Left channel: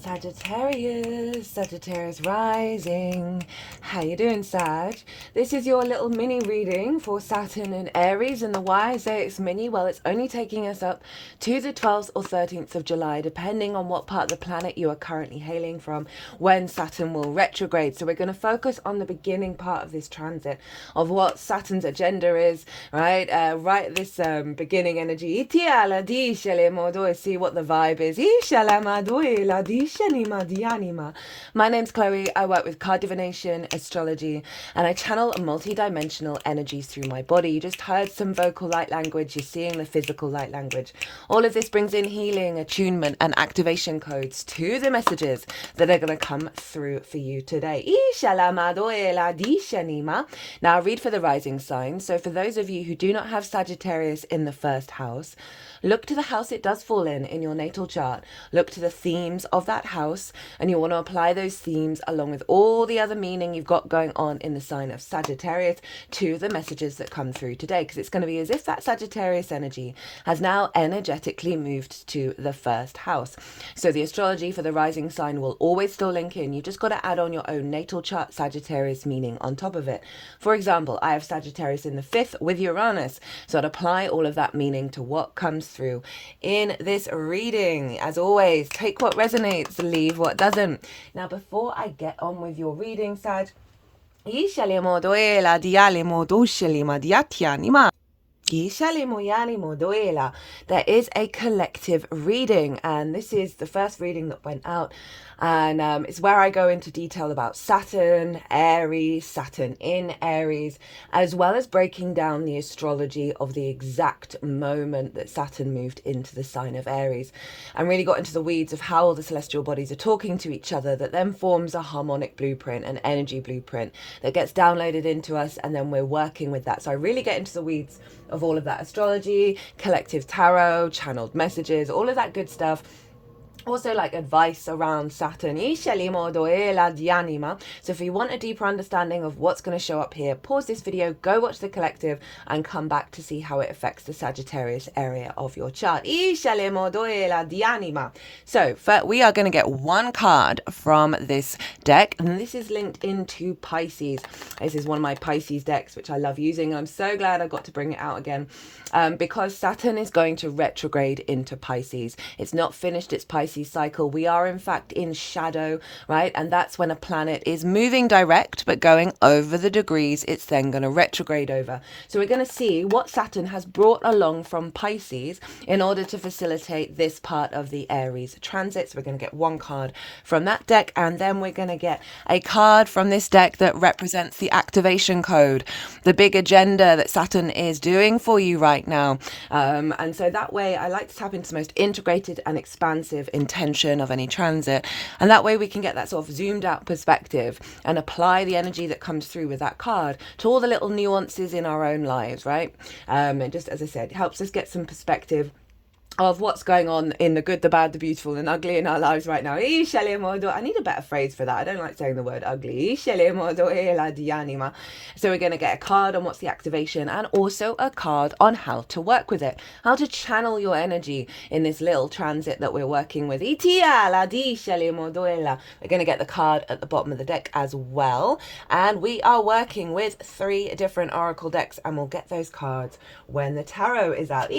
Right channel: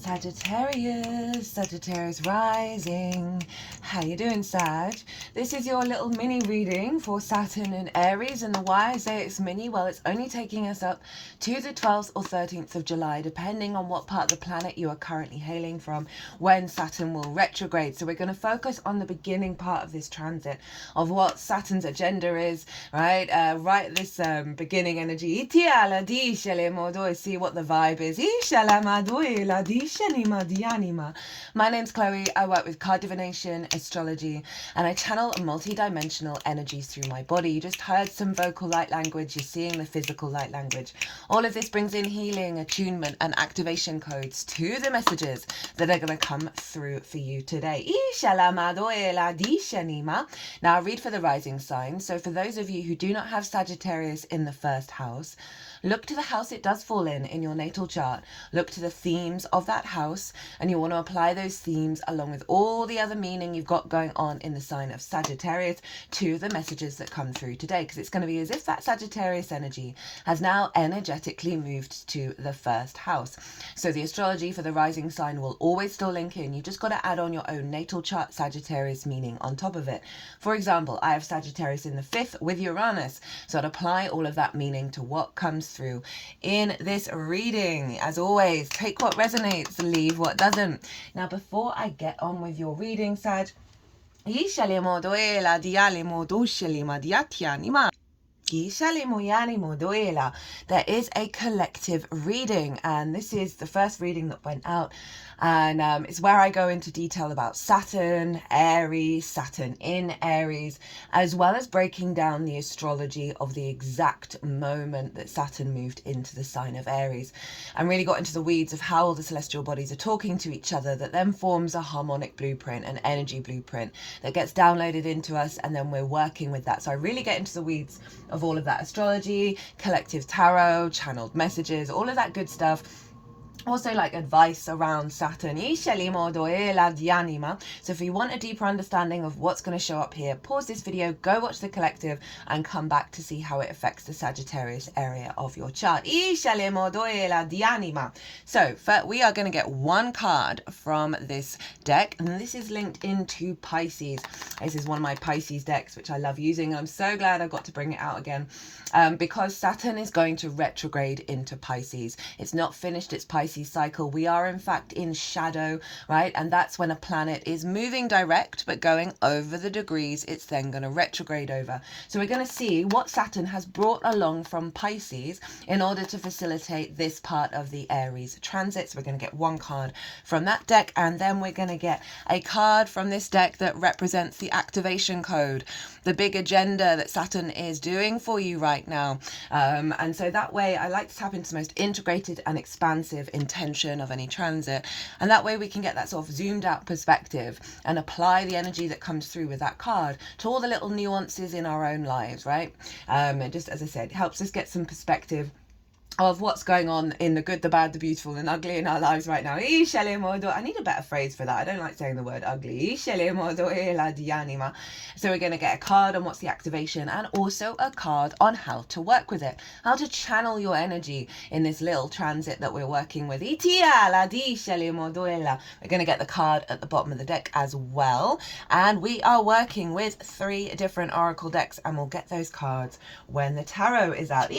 Sagittarius rising. How you doing, Sag? This is your little mini reading for Saturn and Aries. And why I say it's mini, well, it's only taking us up to the 12th or 13th of July, depending on what part of the planet you are currently hailing from, when Saturn will retrograde. So we're going to focus on the beginning part of this transit, of what Saturn's agenda is, right? Right at this beginning energy. See what the vibe is. My name's Chloe. I work with card divination, astrology, and I channel multi-dimensional energies through my body. You just heard some vocal light language. You're seeing the physical light language. All of this brings in healing, attunement, and activation codes to the messages that are going to come through for you today. Now, I read for the rising sign. So for those of you who do not have Sagittarius in the first house, look to the house it does fall in your natal chart. Look to the themes of that house, and you want to apply those themes along with all the other meaning you've got going on in the sign of Sagittarius to the messages that come through today, because it's going to be as if that Sagittarius energy has now energetically moved to the first house. So the astrology for the rising sign will always still link in. You just got to add on your own natal chart Sagittarius meaning on top of it. For example, I have Sagittarius in the 5th with Uranus, so I'd apply all of that meaning to what comes through in this reading. As always, take what resonates, leave what doesn't. Now, before I get on with your reading, Sag, there is a collective reading, and this is the first reading that went out, and it's where I go into detail about Saturn, Aries, Saturn in Aries, as well as breaking down the astrology of the exact moment that Saturn moved into the sign of Aries, and really got into the weeds of how all the celestial bodies are talking to each other, that then forms a harmonic blueprint, an energy blueprint that gets downloaded into us, and then we're working with that. So I really get into the weeds of all of that astrology, collective tarot, channeled messages, all of that good stuff. Also, like advice around Saturn. So if you want a deeper understanding of what's going to show up here, pause this video, go watch the collective, and come back to see how it affects the Sagittarius area of your chart. So we are going to get one card from this deck, and this is linked into Pisces. This is one of my Pisces decks, which I love using. I'm so glad I got to bring it out again, because Saturn is going to retrograde into Pisces. It's not finished its Pisces cycle. We are in fact in shadow, right? And that's when a planet is moving direct but going over the degrees it's then going to retrograde over. So we're going to see what Saturn has brought along from Pisces in order to facilitate this part of the Aries transit. So we're going to get one card from that deck, and then we're going to get a card from this deck that represents the activation code, the big agenda that Saturn is doing for you right now. And so that way I like to tap into the most integrated and expansive intention of any transit, and that way we can get that sort of zoomed out perspective and apply the energy that comes through with that card to all the little nuances in our own lives, right? And just as I said, it helps us get some perspective of what's going on in the good, the bad, the beautiful, and ugly in our lives right now. I need a better phrase for that. I don't like saying the word ugly. So we're going to get a card on what's the activation, and also a card on how to work with it, how to channel your energy in this little transit that we're working with. We're going to get the card at the bottom of the deck as well, and we are working with 3 different oracle decks, and we'll get those cards when the tarot is out.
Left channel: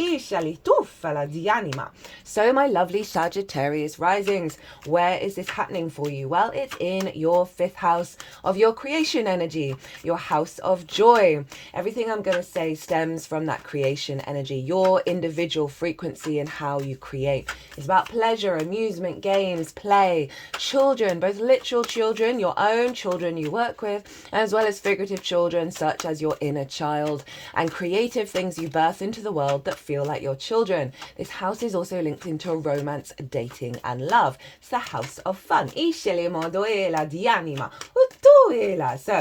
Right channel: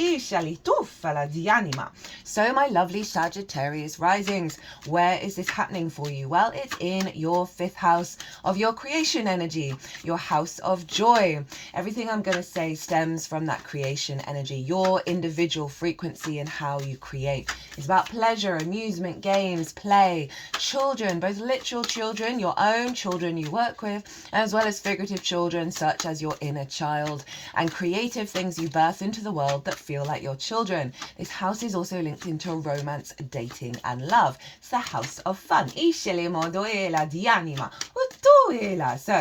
So my lovely Sagittarius risings, where is this happening for you? Well, it's in your 5th house of your creation energy, your house of joy. Everything I'm going to say stems from that creation energy, your individual frequency and how you create. It's about pleasure, amusement, games, play, children, both literal children, your own children you work with, as well as figurative children such as your inner child, and creative things you birth into the world that feel like your children. This house is also linked into romance, dating, and love. It's the house of fun. So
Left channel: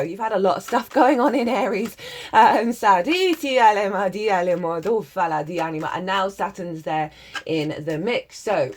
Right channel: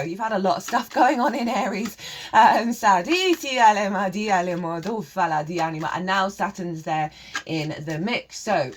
you've had a lot of stuff going on in Aries. And now Saturn's there in the mix. So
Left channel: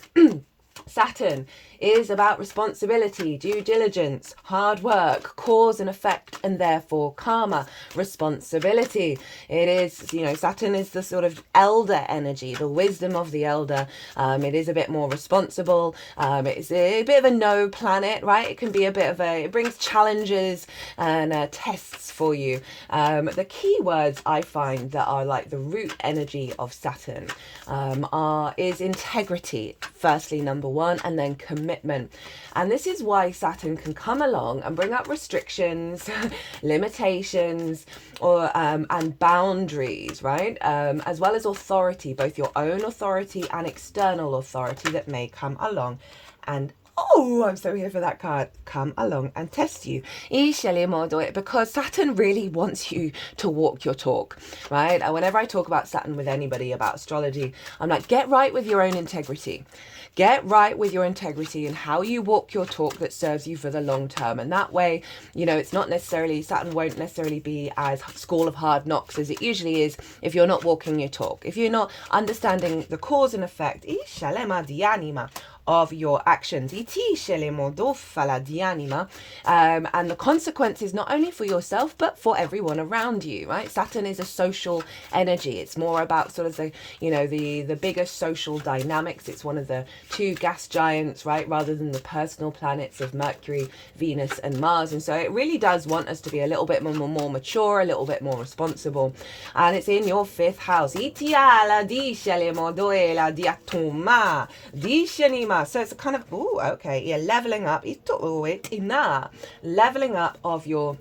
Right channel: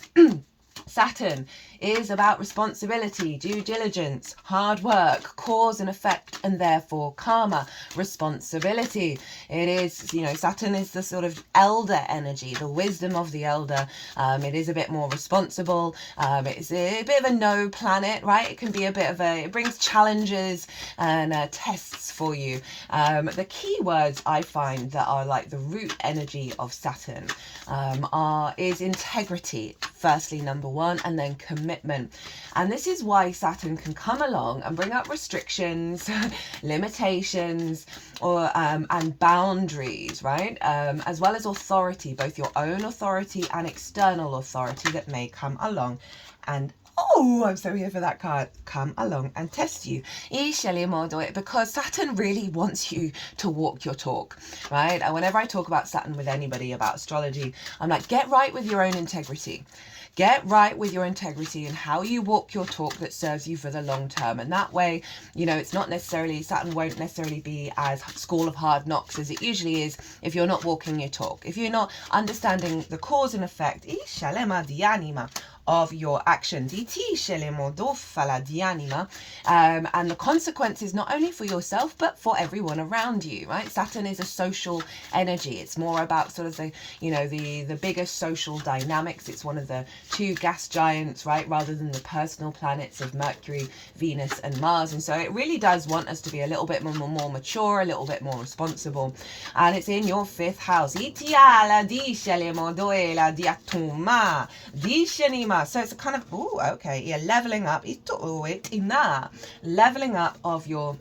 Saturn is about responsibility, due diligence, hard work, cause and effect, and therefore karma, responsibility. It is, you know, Saturn is the sort of elder energy, the wisdom of the elder. It is a bit more responsible. It's a bit of a no planet, right? It can be a bit of it brings challenges and tests for you. The key words I find that are like the root energy of Saturn is integrity, firstly, number one, and then commitment. And this is why Saturn can come along and bring up restrictions, limitations, or and boundaries, right? As well as authority, both your own authority and external authority that may come along and I'm so here for that card. Come along and test you. Because Saturn really wants you to walk your talk, right? And whenever I talk about Saturn with anybody about astrology, I'm like, get right with your own integrity. Get right with your integrity and how you walk your talk that serves you for the long term. And that way, you know, it's not necessarily, Saturn won't necessarily be as school of hard knocks as it usually is if you're not walking your talk. If you're not understanding the cause and effect of your actions, and the consequences not only for yourself but for everyone around you, right? Saturn is a social energy. It's more about sort of the, you know, the bigger social dynamics. It's one of the two gas giants, right, rather than the personal planets of Mercury, Venus and Mars. And so it really does want us to be a little bit more mature, a little bit more responsible. And it's in your 5th house. So it's a kind of, leveling up. Leveling up of your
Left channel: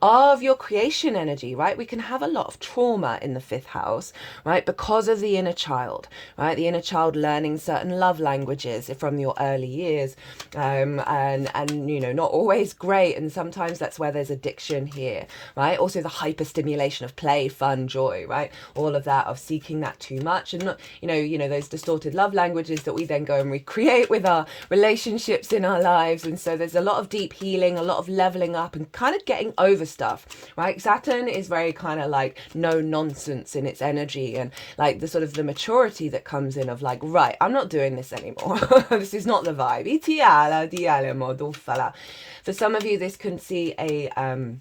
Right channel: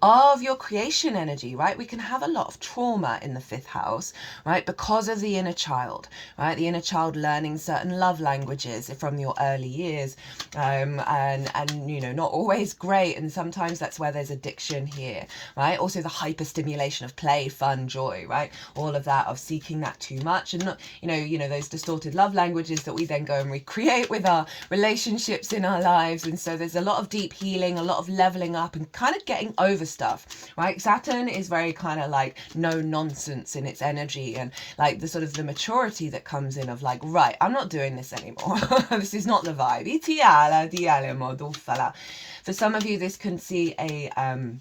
of your creation energy, right? We can have a lot of trauma in the 5th house, right? Because of the inner child, right? The inner child learning certain love languages from your early years, and you know, not always great. And sometimes that's where there's addiction here, right? Also the hyperstimulation of play, fun, joy, right? All of that, of seeking that too much, and not, you know, those distorted love languages that we then go and recreate with our relationships in our lives. And so there's a lot of deep healing, a lot of leveling up and kind of getting over stuff, right? Saturn is very kind of like no nonsense in its energy, and like the sort of the maturity that comes in of like, right, I'm not doing this anymore. This is not the vibe. For some of you, this can see an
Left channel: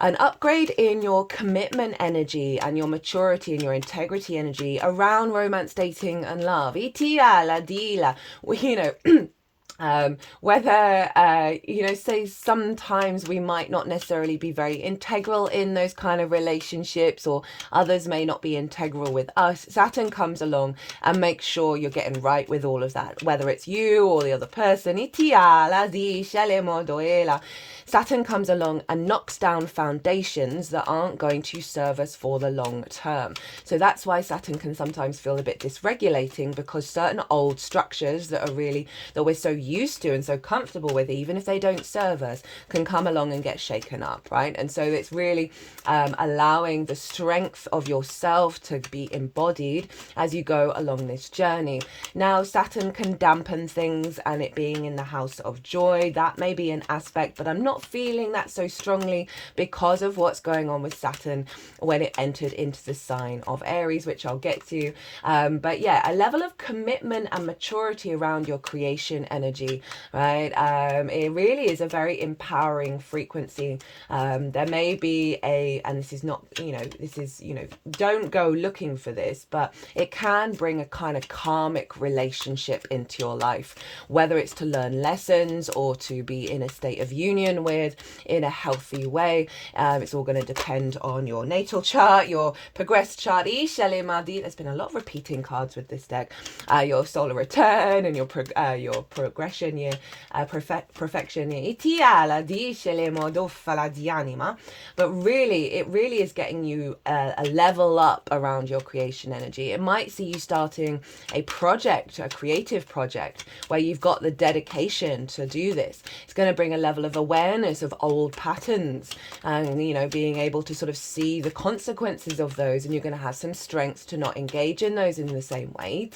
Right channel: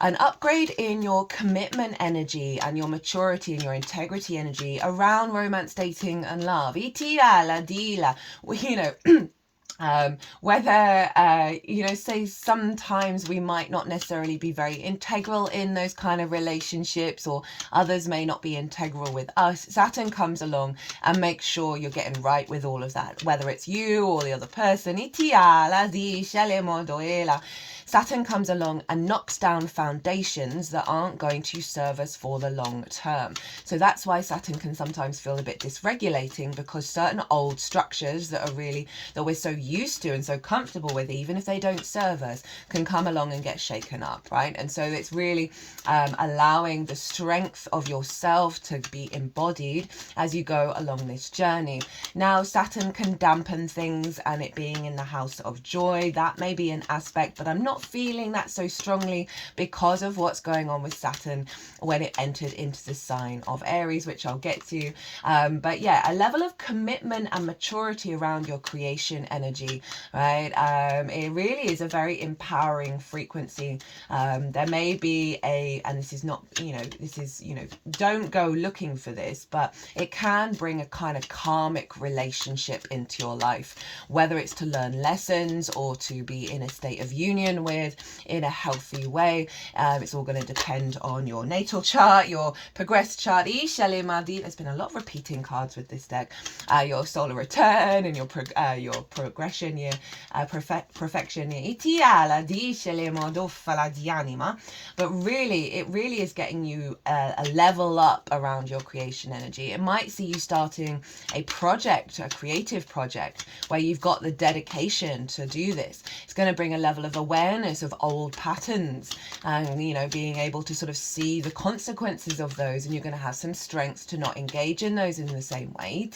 upgrade in your commitment energy and your maturity and your integrity energy around romance, dating and love. You know, whether you know, say sometimes we might not necessarily be very integral in those kind of relationships, or others may not be integral with us. Saturn comes along and makes sure you're getting right with all of that, whether it's you or the other person. Saturn comes along and knocks down foundations that aren't going to serve us for the long term. So that's why Saturn can sometimes feel a bit dysregulating, because certain old structures that we're so used to and so comfortable with, even if they don't serve us, can come along and get shaken up, right? And so it's really allowing the strength of yourself to be embodied as you go along this journey. Now, Saturn can dampen things, and it being in the house of joy, that may be an aspect, but I'm not feeling that so strongly because of what's going on with Saturn when it entered into the sign of Aries, which I'll get to. But yeah, a level of commitment and maturity around your creation energy, right? It really is a very empowering frequency. There may be and this is not, don't go looking for this, but it can bring a kind of karmic relationship into your life, whether it's to learn lessons or to be in a state of union with in a healthy way. It's all going to depend on your natal chart, your progress chart. There's been a lot of repeating cards with this deck. Your solar return and your progression year, perfection year. But really, it really is getting you a level up around your creation energy. It might see you starting a project, a creative project, where you've got the dedication to do this. It's going to bring a level of awareness of old patterns, and being able to sort of see the consequences of those, and you're going to have some strength to not engage in those in the same way.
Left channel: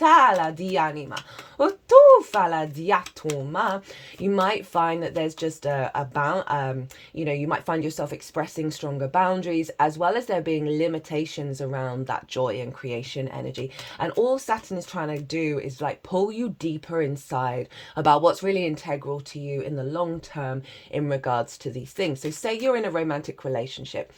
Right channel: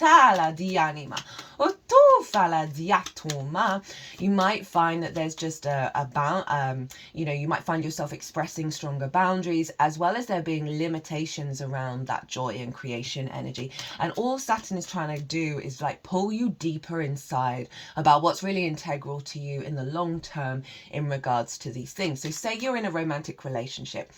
you might find that there's just you might find yourself expressing stronger boundaries, as well as there being limitations around that joy and creation energy. And all Saturn is trying to do is like pull you deeper inside about what's really integral to you in the long term in regards to these things. So say you're in a romantic relationship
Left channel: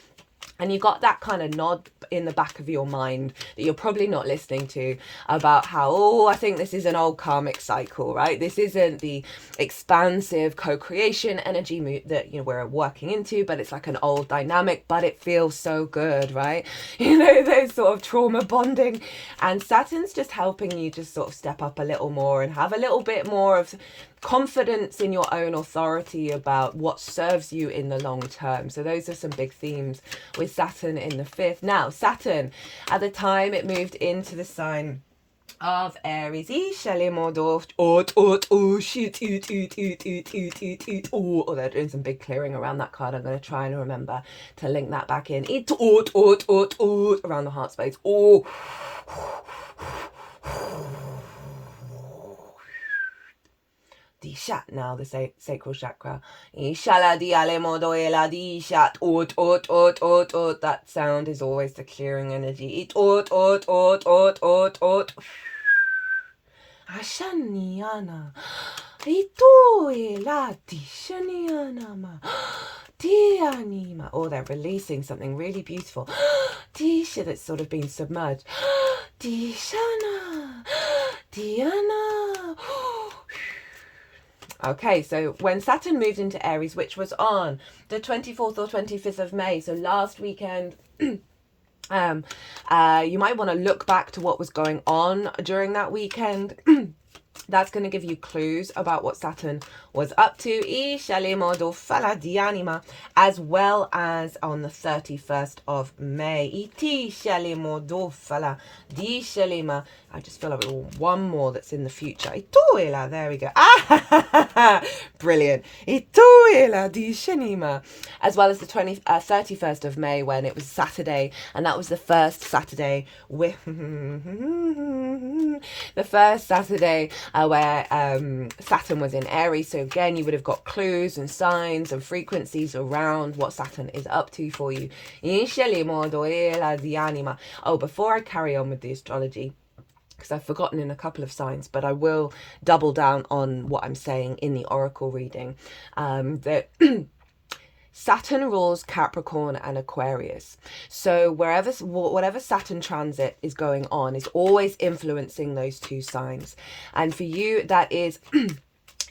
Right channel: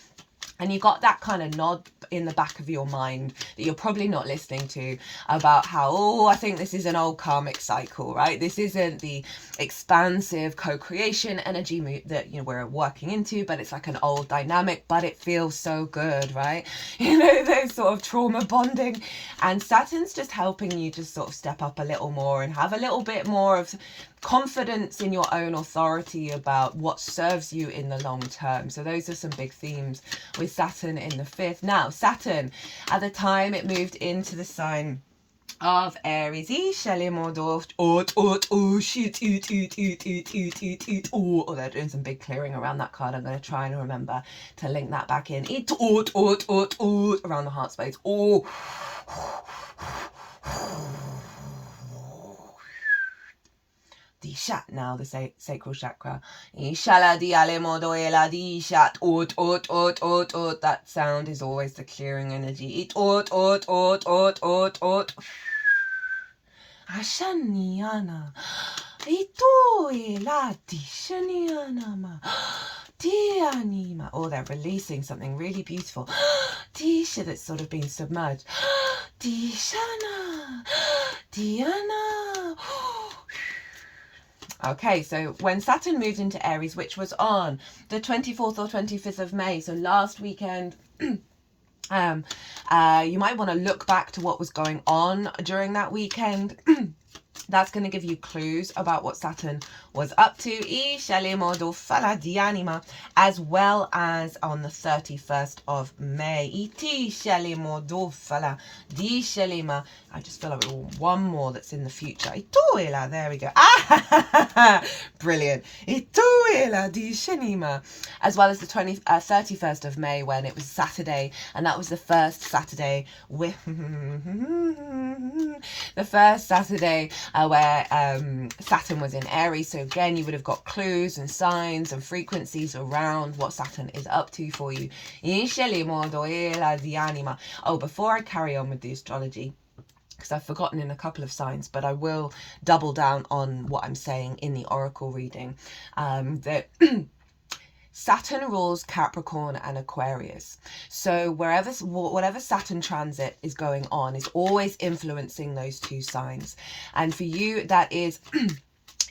and you got that kind of nod in the back of your mind that you're probably not listening to about how, I think this is an old karmic cycle, right? This isn't the expansive co-creation energy that, we're working into, but it's like an old dynamic, but it feels so good, right? Those sort of trauma bonding. And Saturn's just helping you just sort of step up a little more and have a little bit more of confidence in your own authority about what serves you in the long term. So those are some big themes with Saturn in the 5th. Now, Saturn, at the time it moved into the sign of Aries. Oh, they're doing some big clearing around that card. I'm going to try and remember to link that back in. Around the heart space. Oh. Dishat now, the sacral chakra. Ishala diale modoela dishat. That sound is always the clearing energy. Ashaniana. Itoela dishaniana ma. Dianima. Oh, they're releasing something really beautiful. Disha that's sort of been submerged. Dishana. Diana. Okay, so when Saturn moved into Aries, which was on the 24th or 25th of May, so last weekend, you might want to look back to what was going on during that weekend. That's going to give you clues about what Saturn was up to, as well as on the 31st of May. I just feel like one more that's in the future. There we go. Brilliant. As well as the 31st of May, when it was Saturday, and that was the first Saturday with where Saturn was in Aries. So again, you would have got clues and signs and frequencies around what Saturn is up to for you. Oh, before I carry on with the astrology, because I've forgotten in a couple of signs, but I will double down on what I'm saying in the oracle reading, that Saturn rules Capricorn and Aquarius. So whatever Saturn transit is going on is always influencing those two signs. And for you, that is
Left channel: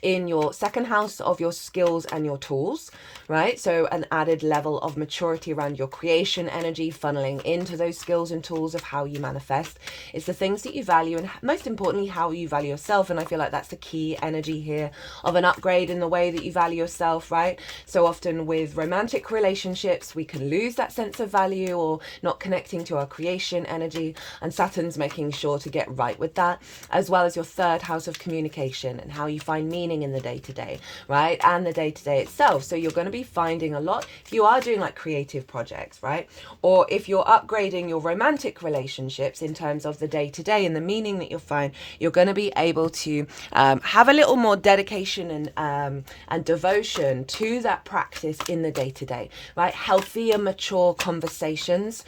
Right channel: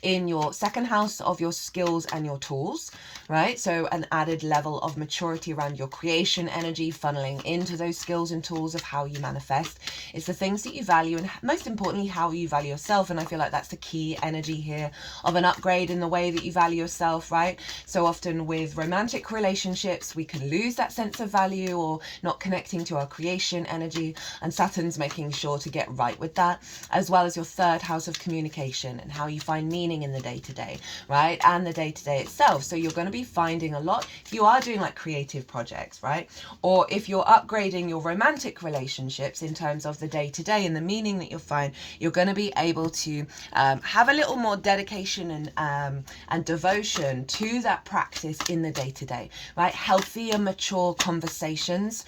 in your second house of your skills and your tools, right? So an added level of maturity around your creation energy, funneling into those skills and tools of how you manifest. It's the things that you value, and most importantly, how you value yourself. And I feel like that's the key energy here of an upgrade in the way that you value yourself, right? So often with romantic relationships, we can lose that sense of value or not connecting to our creation energy. And Saturn's making sure to get right with that, as well as your third house of communication and how you find meaning in the day-to-day, right? And the day-to-day itself. So you're going to be finding a lot if you are doing like creative projects, right? Or if you're upgrading your romantic relationships in terms of the day-to-day and the meaning that you'll find, you're going to be able to have a little more dedication and devotion to that practice in the day-to-day, right? Healthier, mature conversations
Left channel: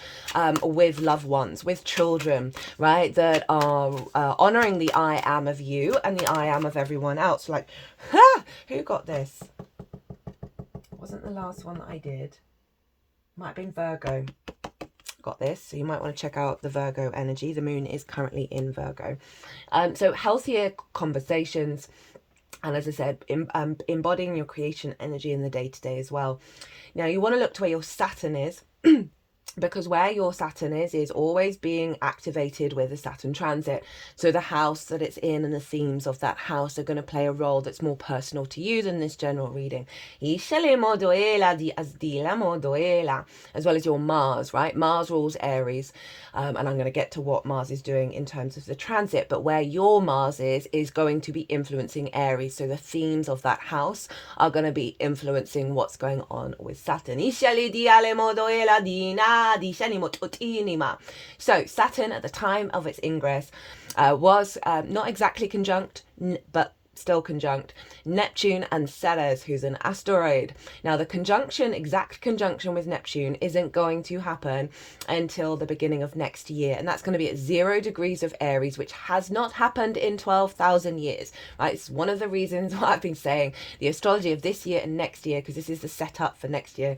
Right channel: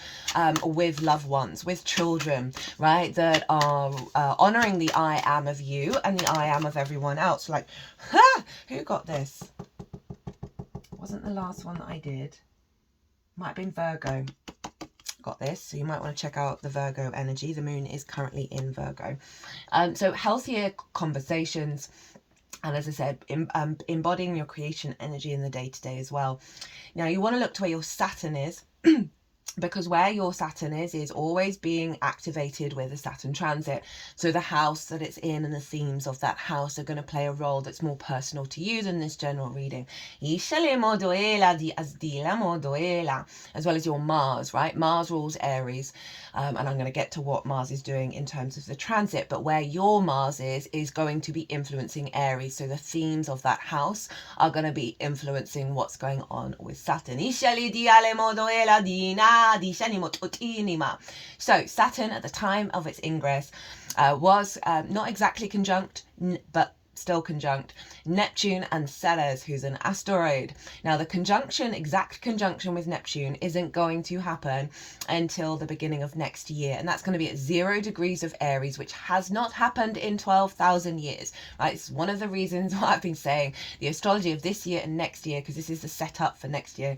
with loved ones, with children, right? That are honoring the I am of you and the I am of everyone else. Like, who got this? Wasn't the last one that I did. Might have been Virgo. Got this. So you might want to check out the Virgo energy. The moon is currently in Virgo. So healthier conversations. And as I said, embodying your creation energy in the day-to-day as well. Now you want to look to where your Saturn is. Because where your Saturn is always being activated with a Saturn transit. So the house that it's in and the themes of that house are going to play a role that's more personal to you than this general reading. As well as your Mars, right? Mars rules Aries. And I'm going to get to what Mars is doing in terms of the transit. But where your Mars is going to be influencing Aries. So the themes of that house are going to be influencing what's going on with Saturn. So Saturn at the time of its ingress was not exactly conjunct, but still conjunct Neptune and Ceres, who's an asteroid. Now the exact conjunction with Neptune isn't going to happen until the beginning of next year, and that's going to be at 0 degrees of Aries, which has not happened in 12,000 years, right? It's one of the reasons why I've been saying the astrology of this year and next year, because this is the setup for next year,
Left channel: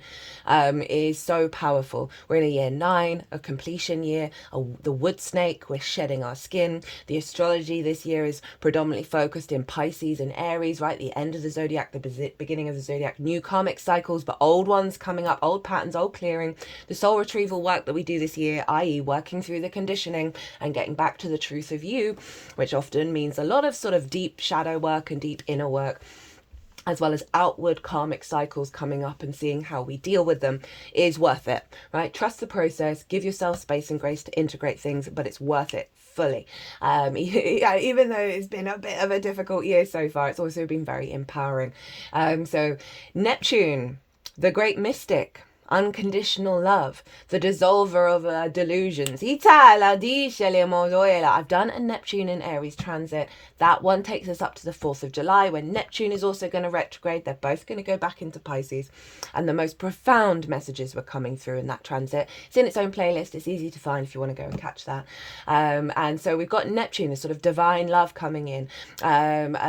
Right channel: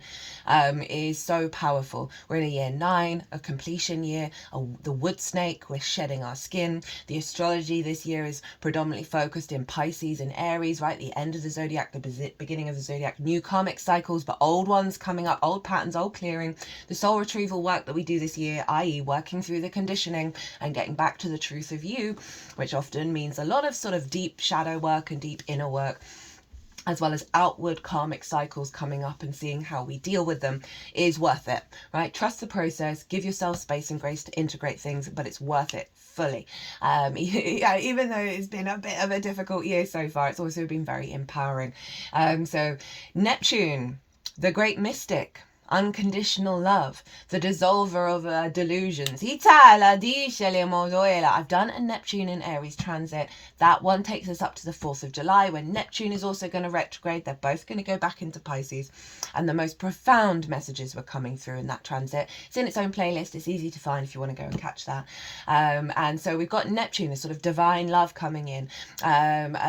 is so powerful. We're in a year 9, a completion year, the wood snake, we're shedding our skin. The astrology this year is predominantly focused in Pisces and Aries, right? The end of the zodiac, the beginning of the zodiac, new karmic cycles, but old ones coming up, old patterns, old clearing. The soul retrieval work that we do this year, i.e. working through the conditioning and getting back to the truth of you, which often means a lot of sort of deep shadow work and deep inner work, as well as outward karmic cycles coming up and seeing how we deal with them, is worth it, right? Trust the process, give yourself space and grace to integrate things, but it's worth it fully. Even though it's been a bit of a difficult year so far, it's also been very empowering. So Neptune, the great mystic, unconditional love, the dissolver of delusions. I've done a Neptune in Aries transit. That one takes us up to the 4th of July, when Neptune is also going to retrograde. They're both going to go back into Pisces, and the most profound messages were coming through in that transit. It's in its own playlist. It's easy to find if you want to go and catch that. And so we've got Neptune, this sort of divine love coming in,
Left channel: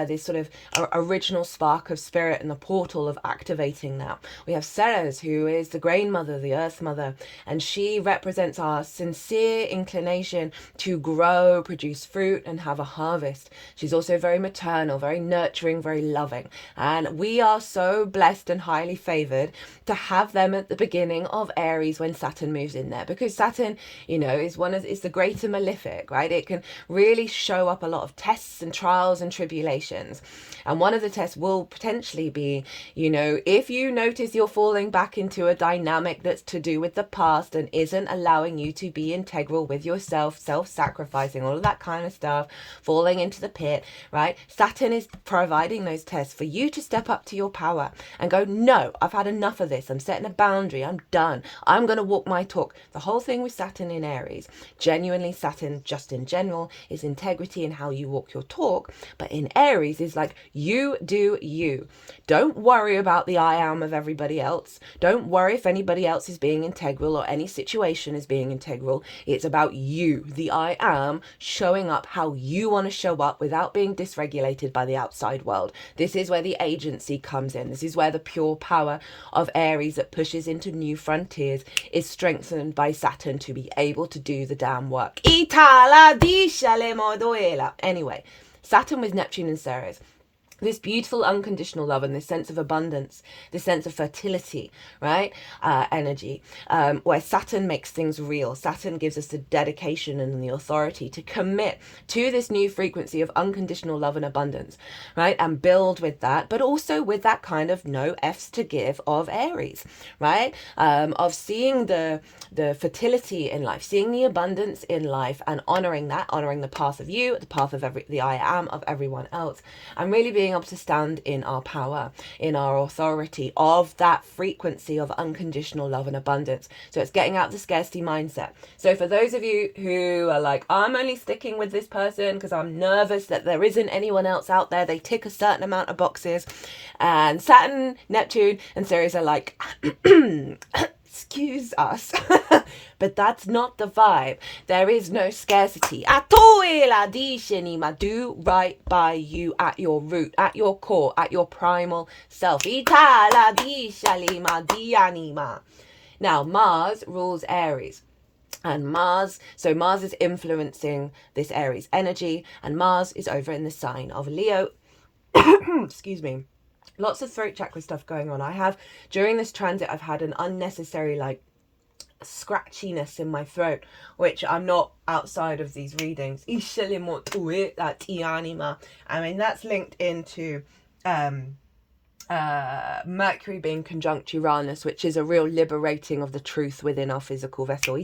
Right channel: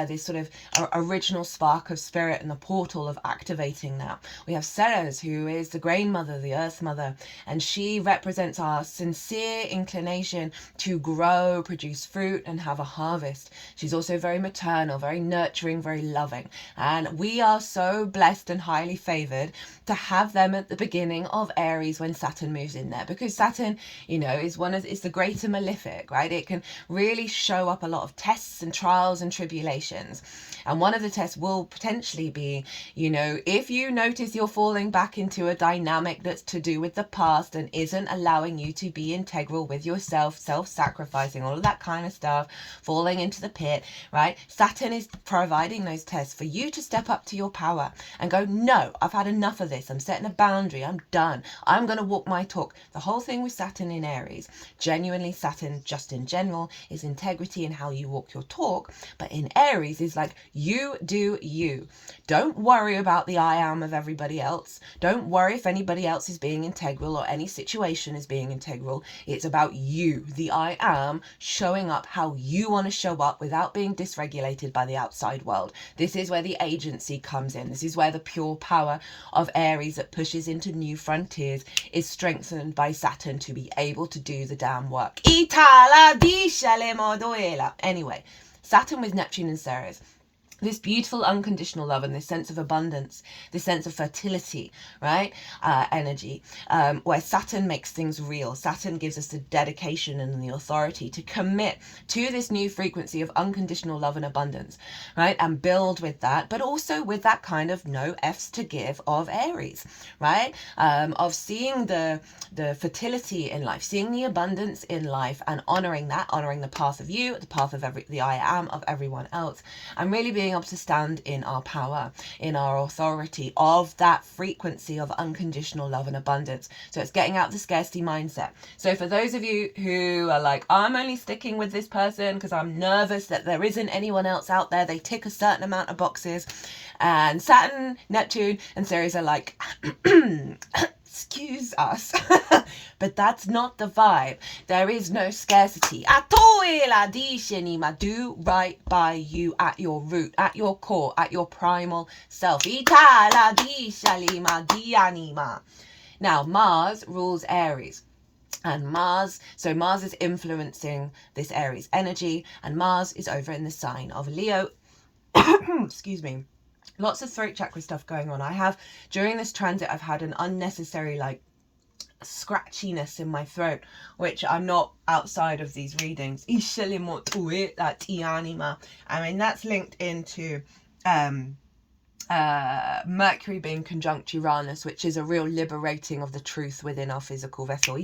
this sort of original spark of spirit and the portal of activating now. We have Ceres, who is the grain mother, the earth mother, and she represents our sincere inclination to grow, produce fruit, and have a harvest. She's also very maternal, very nurturing, very loving, and we are so blessed and highly favored to have them at the beginning of Aries when Saturn moves in there, because Saturn, you know, is the greater malefic, right? It can really show up a lot of tests and trials and tribulations, and one of the tests will potentially be, you know, if you notice you're falling back into a dynamic that's to do with the past and isn't allowing you to be integral with yourself, self-sacrificing, all of that kind of stuff, falling into the pit, right? Saturn is providing those tests for you to step up to your power and go, no, I've had enough of this. I'm setting a boundary. I'm done. I'm going to walk my talk. The whole thing with Saturn in Aries, genuinely Saturn just in general, is integrity in how you walk your talk. But in Aries is like, you do you. Don't worry about the I am of everybody else. Don't worry if anybody else is being integral or any situation is being integral. It's about you, the I am, showing up how you want to show up without being dysregulated by the outside world. This is where the agency comes in. This is where the pure power of Aries that pushes into new frontiers is strengthened by Saturn to be able to do the damn work. Anyway, Saturn with Neptune and Ceres. This beautiful unconditional love and this sense of abundance, this sense of fertility, right? Energy, where Saturn makes things real. Saturn gives us the dedication and the authority to commit to this new frequency of unconditional love and abundance, right? And build with that, but also with that kind of no F's to give of Aries, right? Of seeing the fertility in life, seeing the abundance in life and honoring that, honoring the path of you, the path of the I am of everyone else, and really being able to stand in our power, in our authority of that frequency of unconditional love and abundance. So it's getting out the scarcity mindset. So for those of you who are like, I'm only sticking with this person because I'm nervous that there isn't anyone else out there, they tick a certain amount of boxes, and Saturn, Neptune and Ceres are like, excuse us, but that's not the vibe. There is no scarcity. Do right by you at your root, at your core, at your primal self. Now, Mars rules Aries. And Mars is influencing this Aries energy, and Mars is over in the sign of Leo. Excuse me. Lots of throat chakra stuff going on. During this transit, I've had an unnecessary scratchiness in my throat, which I'm not outside of these readings. I mean, that's linked into Mercury being conjunct Uranus, which is a real liberating of the truth within our physical vessel.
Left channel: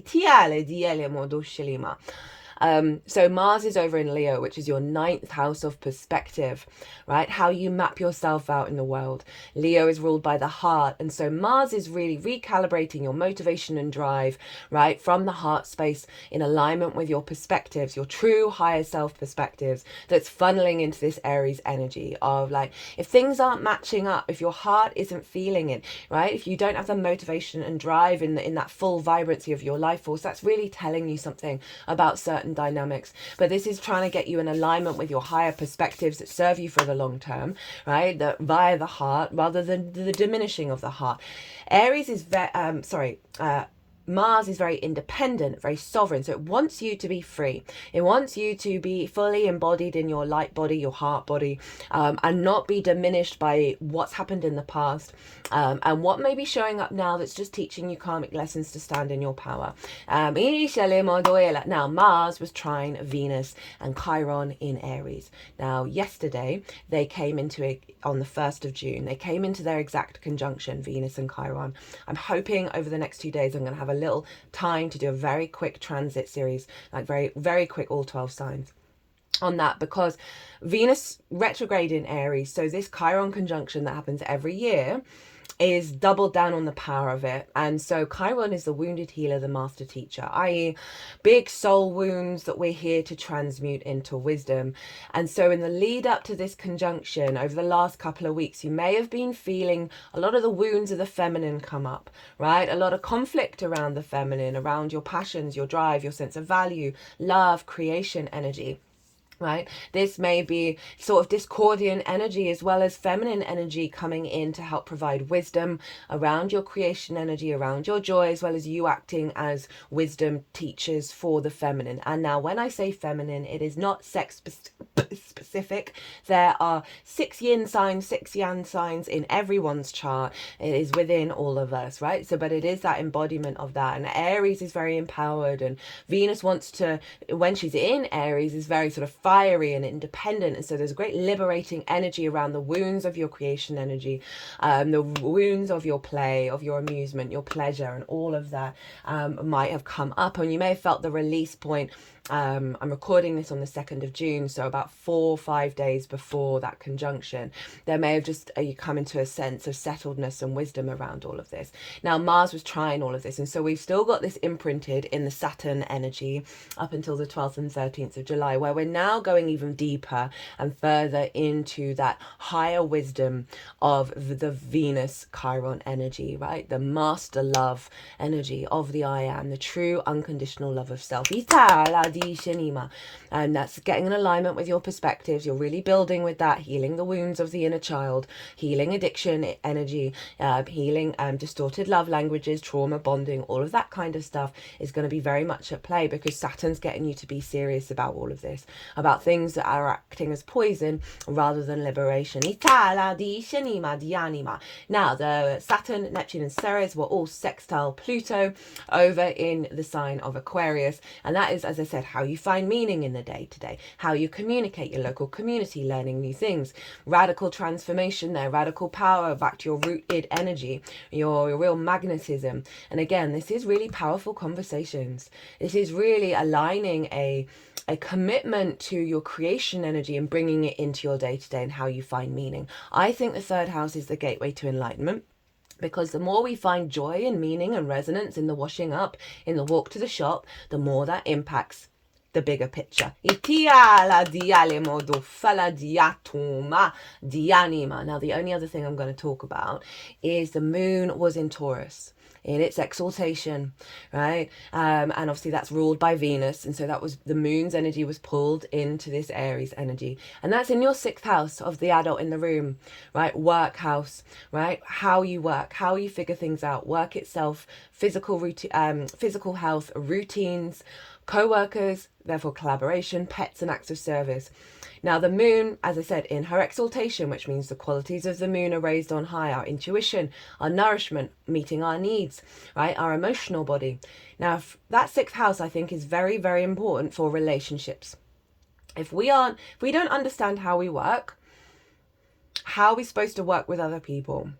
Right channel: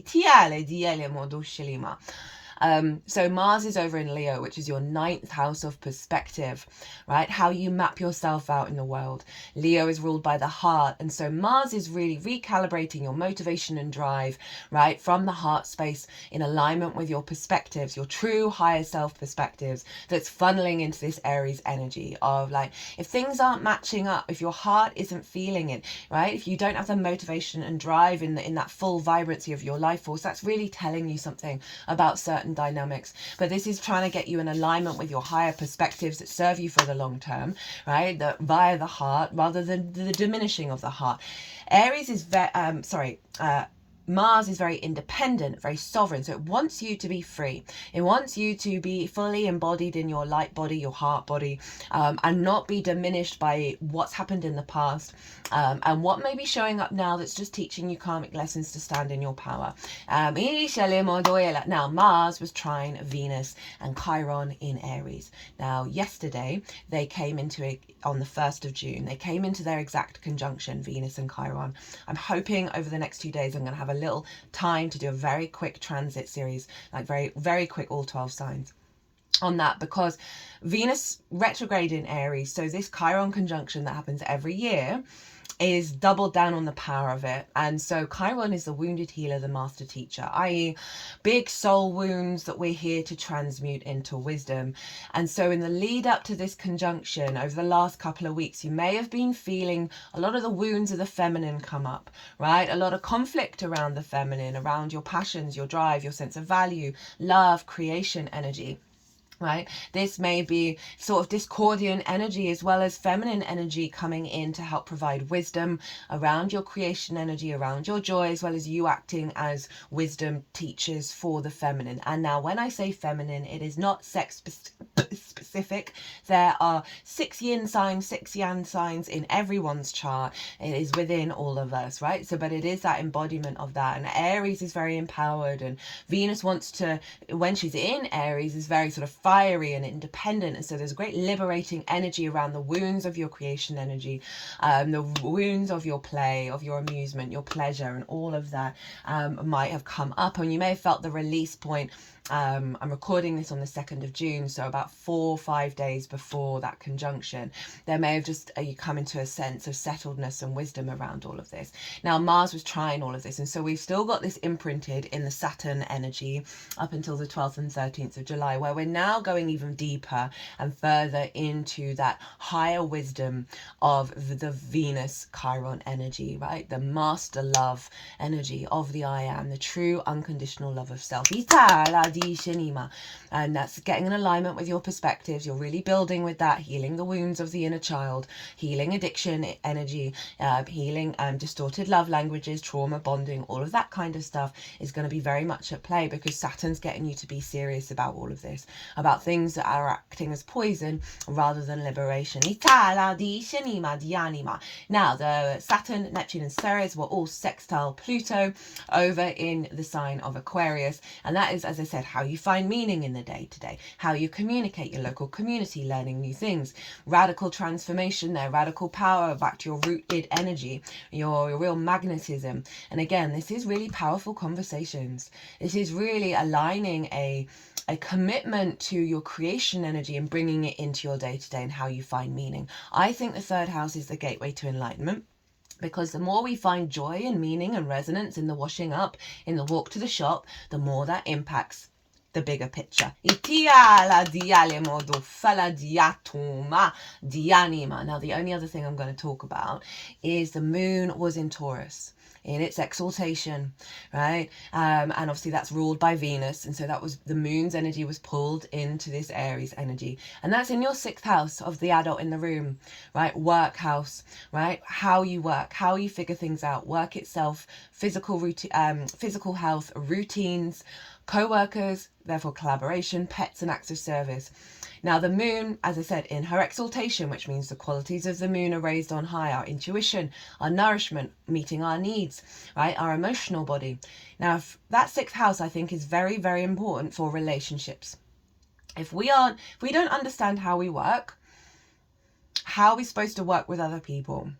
So Mars is over in Leo, which is your 9th house of perspective, right? How you map yourself out in the world. Leo is ruled by the heart. And so Mars is really recalibrating your motivation and drive, right? From the heart space in alignment with your perspectives, your true higher self perspectives, that's funneling into this Aries energy of like, if things aren't matching up, if your heart isn't feeling it, right? If you don't have the motivation and drive in that full vibrancy of your life force, that's really telling you something about certain dynamics. But this is trying to get you in alignment with your higher perspectives that serve you for the long term, right? That via the heart rather than the diminishing of the heart. Aries is Mars is very independent, very sovereign. So it wants you to be free. It wants you to be fully embodied in your light body, your heart body, and not be diminished by what's happened in the past, and what may be showing up now that's just teaching you karmic lessons to stand in your power. Now, Mars was trine Venus and Chiron in Aries. Now, yesterday, they came into it on the 1st of June. They came into their exact conjunction, Venus and Chiron. I'm hoping over the next 2 days I'm going to have a little time to do a very quick transit series, like very, very quick, all 12 signs on that, because Venus retrograde in Aries, so this Chiron conjunction that happens every year, is doubled down on the power of it. And so Chiron is the wounded healer, the master teacher, i.e. big soul wounds that we're here to transmute into wisdom. And so in the lead up to this conjunction over the last couple of weeks, you may have been feeling a lot of the wounds of the feminine come up, right? A lot of conflict around the feminine, around your passions, your drive, your sense of value, love, creation energy. Right, this may be sort of discordian energy as well as feminine energy coming in to help provide wisdom around your creation energy, around your joy, as well as you acting as wisdom teachers for the feminine. And now when I say feminine, it is not sex specific. There are 6 yin signs, 6 yang signs in everyone's chart. It is within all of us, right? So but it is that embodiment of that. And Aries is very empowered, and Venus wants to, when she's in Aries, is very sort of fiery and independent. And so there's a great liberating energy around the wounds of your creation energy, the wounds of your play, of your amusement, your pleasure, and all of that might have come up. And you may have felt the release point. I'm recording this on the 2nd of June, so about 4 or 5 days before that conjunction, there may have just you come into a sense of settledness and wisdom around all of this. Now Mars was trying all of this, and so we've still got this imprinted in the Saturn energy up until the 12th and 13th of July, where we're now going even deeper and further into that higher wisdom of the Venus Chiron energy, right? The master love energy of the I am, the true unconditional love of self. And that's getting in alignment with your perspectives. You're really building with that, healing the wounds of the inner child, healing addiction energy, healing distorted love languages, trauma bonding, all of that kind of stuff is going to be very much at play, because Saturn's getting you to be serious about all of this, about things that are acting as poison rather than liberation. Now the Saturn, Neptune and Ceres were all sextile Pluto over in the sign of Aquarius, and that is, as I said, how you find meaning in the day-to-day, how you communicate, your local community, learning new things, radical transformation there, radical power, back to your rooted energy, your real magnetism. And again, this is really powerful conversations. This is really aligning a commitment to your creation energy and bringing it into your day-to-day and how you find meaning. I think the 3rd house is the gateway to enlightenment, because the more we find joy and meaning and resonance in the washing up, in the walk to the shop, the more that impacts the bigger picture. Now, the only other thing I'm going to talk about is the moon was in Taurus in its exaltation, right? And obviously that's ruled by Venus, and so that was the moon's energy was pulled into this Aries energy, and that's in your 6th house of the adult in the room, right? Work house, right? How you work, how you figure things out, work itself, physical routine, physical health, routines, co-workers, therefore collaboration, pets and acts of service. Now the moon, as I said, in her exaltation, which means the qualities of the moon are raised on high, our intuition, our nourishment, meeting our needs, right? Our emotional body. Now that 6th house, I think, is very, very important for relationships. If we don't understand how we work, how are we supposed to work with other people?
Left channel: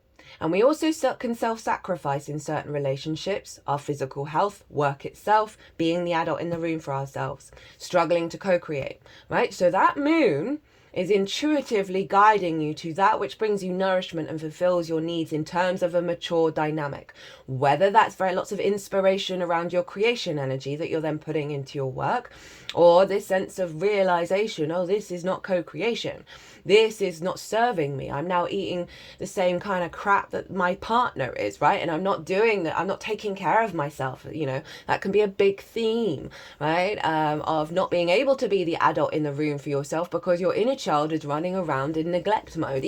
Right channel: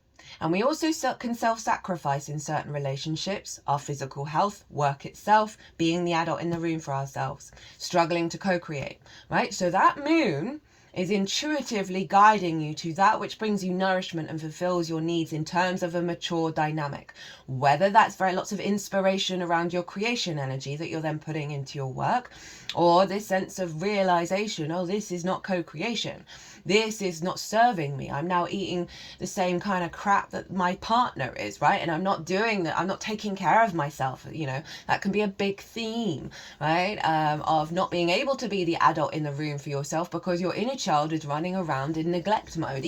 And we also can self-sacrifice in certain relationships, our physical health, work itself, being the adult in the room for ourselves, struggling to co-create, right? So that moon is intuitively guiding you to that which brings you nourishment and fulfills your needs in terms of a mature dynamic. Whether that's very lots of inspiration around your creation energy that you're then putting into your work, or this sense of realization, oh, this is not co-creation. This is not serving me. I'm now eating the same kind of crap that my partner is, right? And I'm not doing that. I'm not taking care of myself. You know, that can be a big theme, right? Of not being able to be the adult in the room for yourself because your inner child is running around in neglect mode.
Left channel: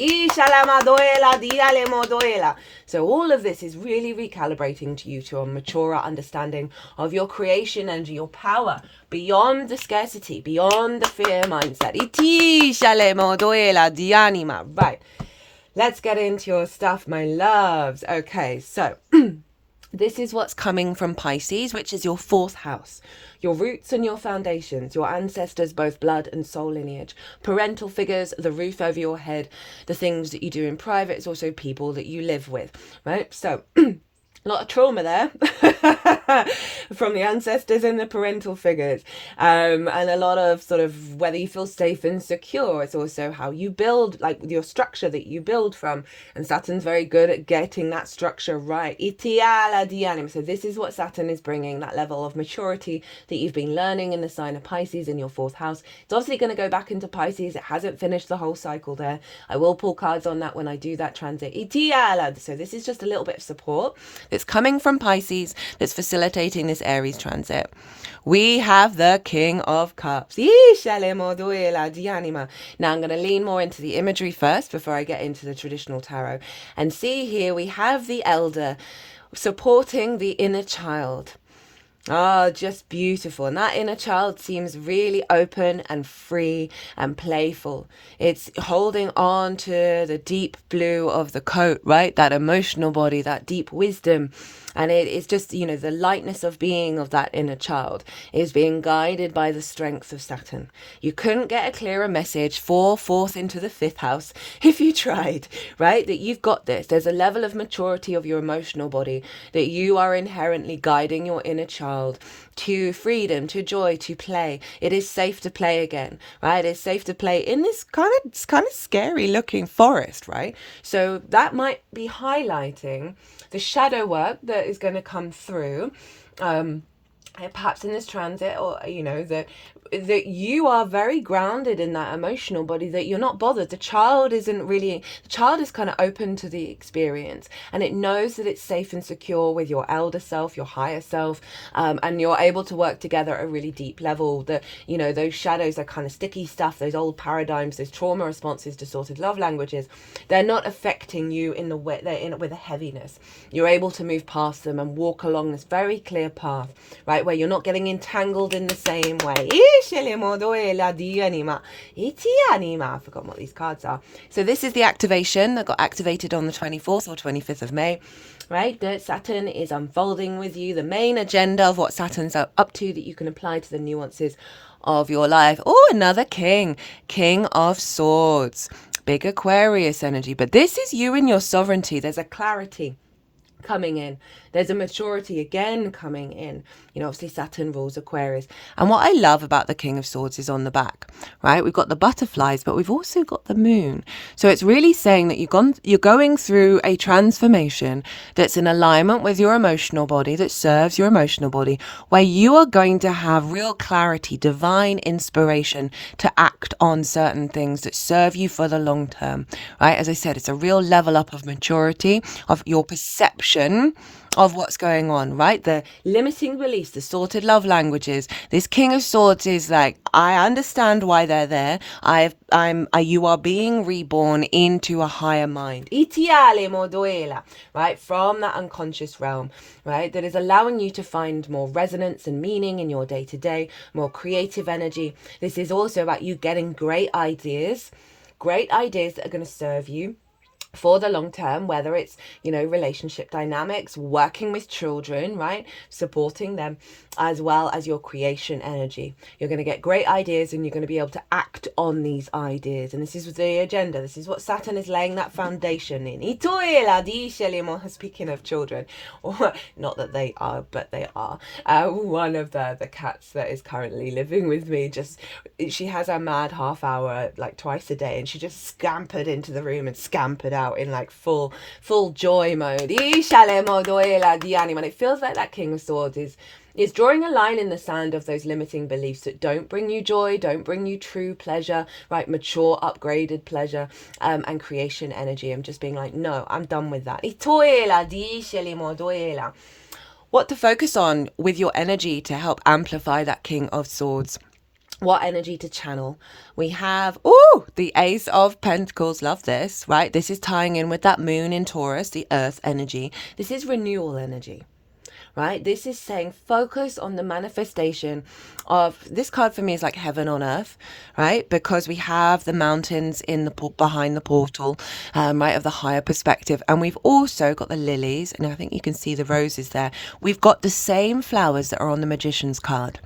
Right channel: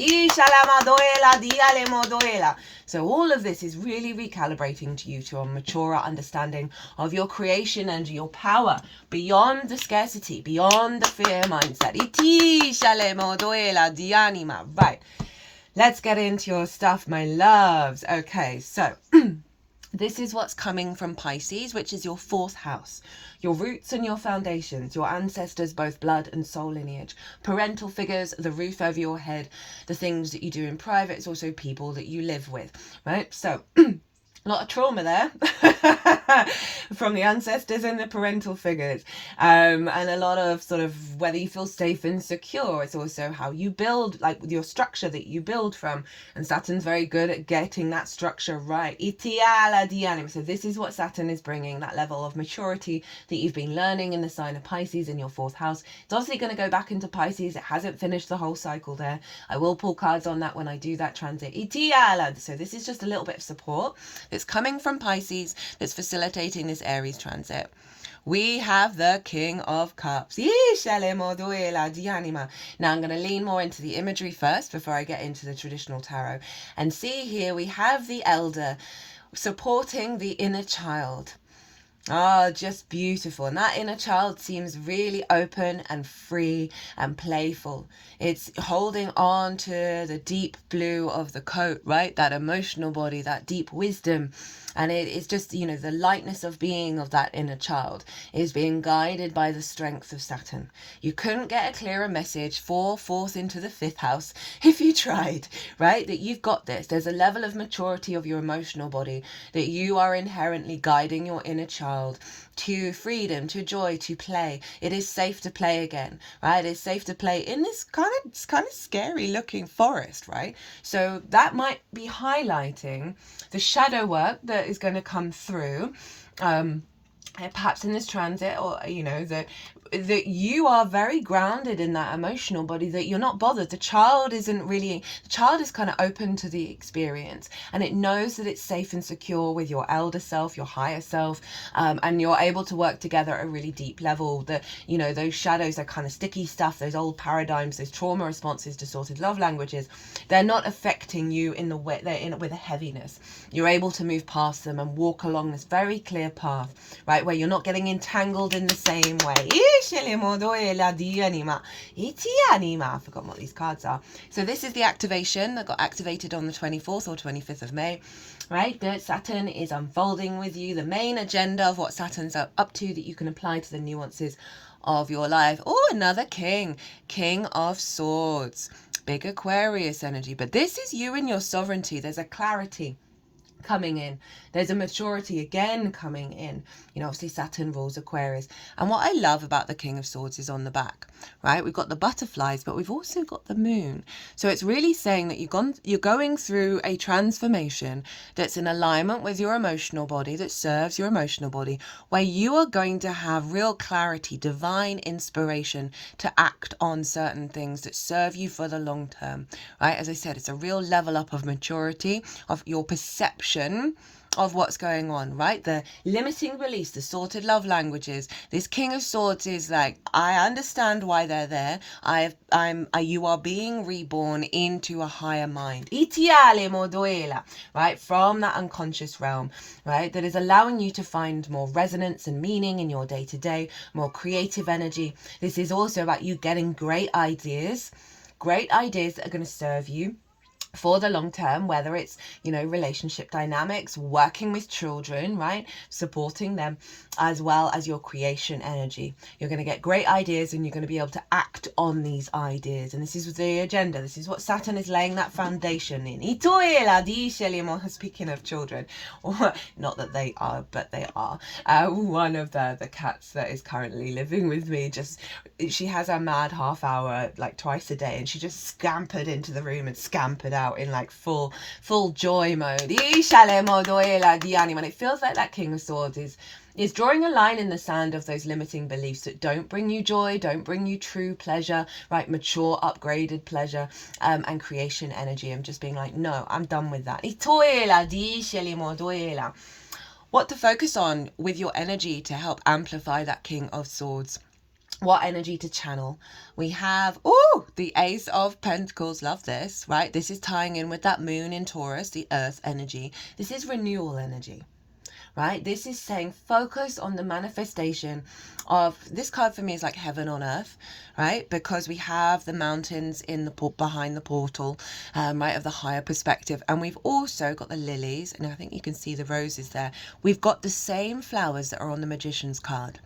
So all of this is really recalibrating to you to a maturer understanding of your creation and your power beyond the scarcity, beyond the fear mindset. Right, let's get into your stuff, my loves. Okay, so this is what's coming from Pisces, which is your 4th house. Your roots and your foundations, your ancestors, both blood and soul lineage, parental figures, the roof over your head, the things that you do in private. It's also people that you live with, right? So a lot of trauma there from the ancestors and the parental figures, and a lot of sort of whether you feel safe and secure. It's also how you build, like your structure that you build from, and Saturn's very good at getting that structure right. So this is what Saturn is bringing, that level of maturity that you've been learning in the sign of Pisces in your 4th house. It's obviously going to go back into Pisces. It hasn't finished the whole cycle there. I will pull cards on that when I do that transit. So this is just a little bit of support that's coming from Pisces that's facilitating this Aries transit. We have the King of Cups. Now I'm going to lean more into the imagery first before I get into the traditional tarot. And see here we have the elder supporting the inner child. Oh, just beautiful. And that inner child seems really open and free and playful. It's holding on to the deep blue of the coat, right? That emotional body, that deep wisdom. And it's just, you know, the lightness of being of that inner child is being guided by the strength of Saturn. You couldn't get a clearer message for 4th into the 5th house if you tried, right? That you've got this. There's a level of maturity of your emotional body that you are inherently guiding your inner child to freedom, to joy, to play. It is safe to play again, right? It's safe to play in this kind of scary looking forest, right? So that might be highlighting the shadow work that is going to come through, perhaps in this transit, or you know, that you are very grounded in that emotional body, that you're not bothered. The child is kind of open to the experience, and it knows that it's safe and secure with your elder self, your higher self, and you're able to work together at a really deep level. That, you know, those shadows are kind of sticky stuff, those old paradigms, those trauma responses, distorted love languages, they're not affecting you in the way they're in with a heaviness. You're able to move past them and walk along this very clear path, right, where you're not getting entangled in the same way. I forgot what these cards are. So this is the activation that got activated on the 24th or 25th of May, right? That Saturn is unfolding with you, the main agenda of what Saturn's up to, that you can apply to the nuances of your life. Oh, another king of swords, big Aquarius energy. But this is you and your sovereignty. There's a clarity coming in. There's a maturity again coming in. You know, obviously Saturn rules Aquarius. And what I love about the King of Swords is on the back, right? We've got the butterflies, but we've also got the moon. So it's really saying that you're going through a transformation that's in alignment with your emotional body, that serves your emotional body, where you are going to have real clarity, divine inspiration to act on certain things that serve you for the long term, right? As I said, it's a real level up of maturity, of your perception of what's going on, right? The limiting beliefs, distorted love languages. This King of Swords is like, I understand why they're there. You are being reborn into a higher mind, right? From that unconscious realm, right? That is allowing you to find more resonance and meaning in your day-to-day, more creative energy. This is also about you getting great ideas that are going to serve you for the long term, whether it's, you know, relationship dynamics, working with children, right, supporting them, as well as your creation energy. You're going to get great ideas and you're going to be able to act on these ideas. And this is the agenda. This is what Saturn is laying that foundation in. Speaking of children, or not that they are, but they are. One of the cats that is currently living with me, she has a mad half hour like twice a day, and she just scampered into the room and scampered out in like full joy mode. And it feels like that King of Swords is drawing a line in the sand of those limiting beliefs that don't bring you joy, don't bring you true pleasure, right? Mature, upgraded pleasure, and creation energy. I'm just being like, no, I'm done with that. What to focus on with your energy to help amplify that King of Swords? What energy to channel? We have, the Ace of Pentacles. Love this, right? This is tying in with that moon in Taurus, the earth energy. This is renewal energy, right? This is saying focus on the manifestation of, this card for me is like heaven on earth, right? Because we have the mountains in the behind the portal, right, of the higher perspective. And we've also got the lilies, and I think you can see the roses there. We've got the same flowers that are on the Magician's card.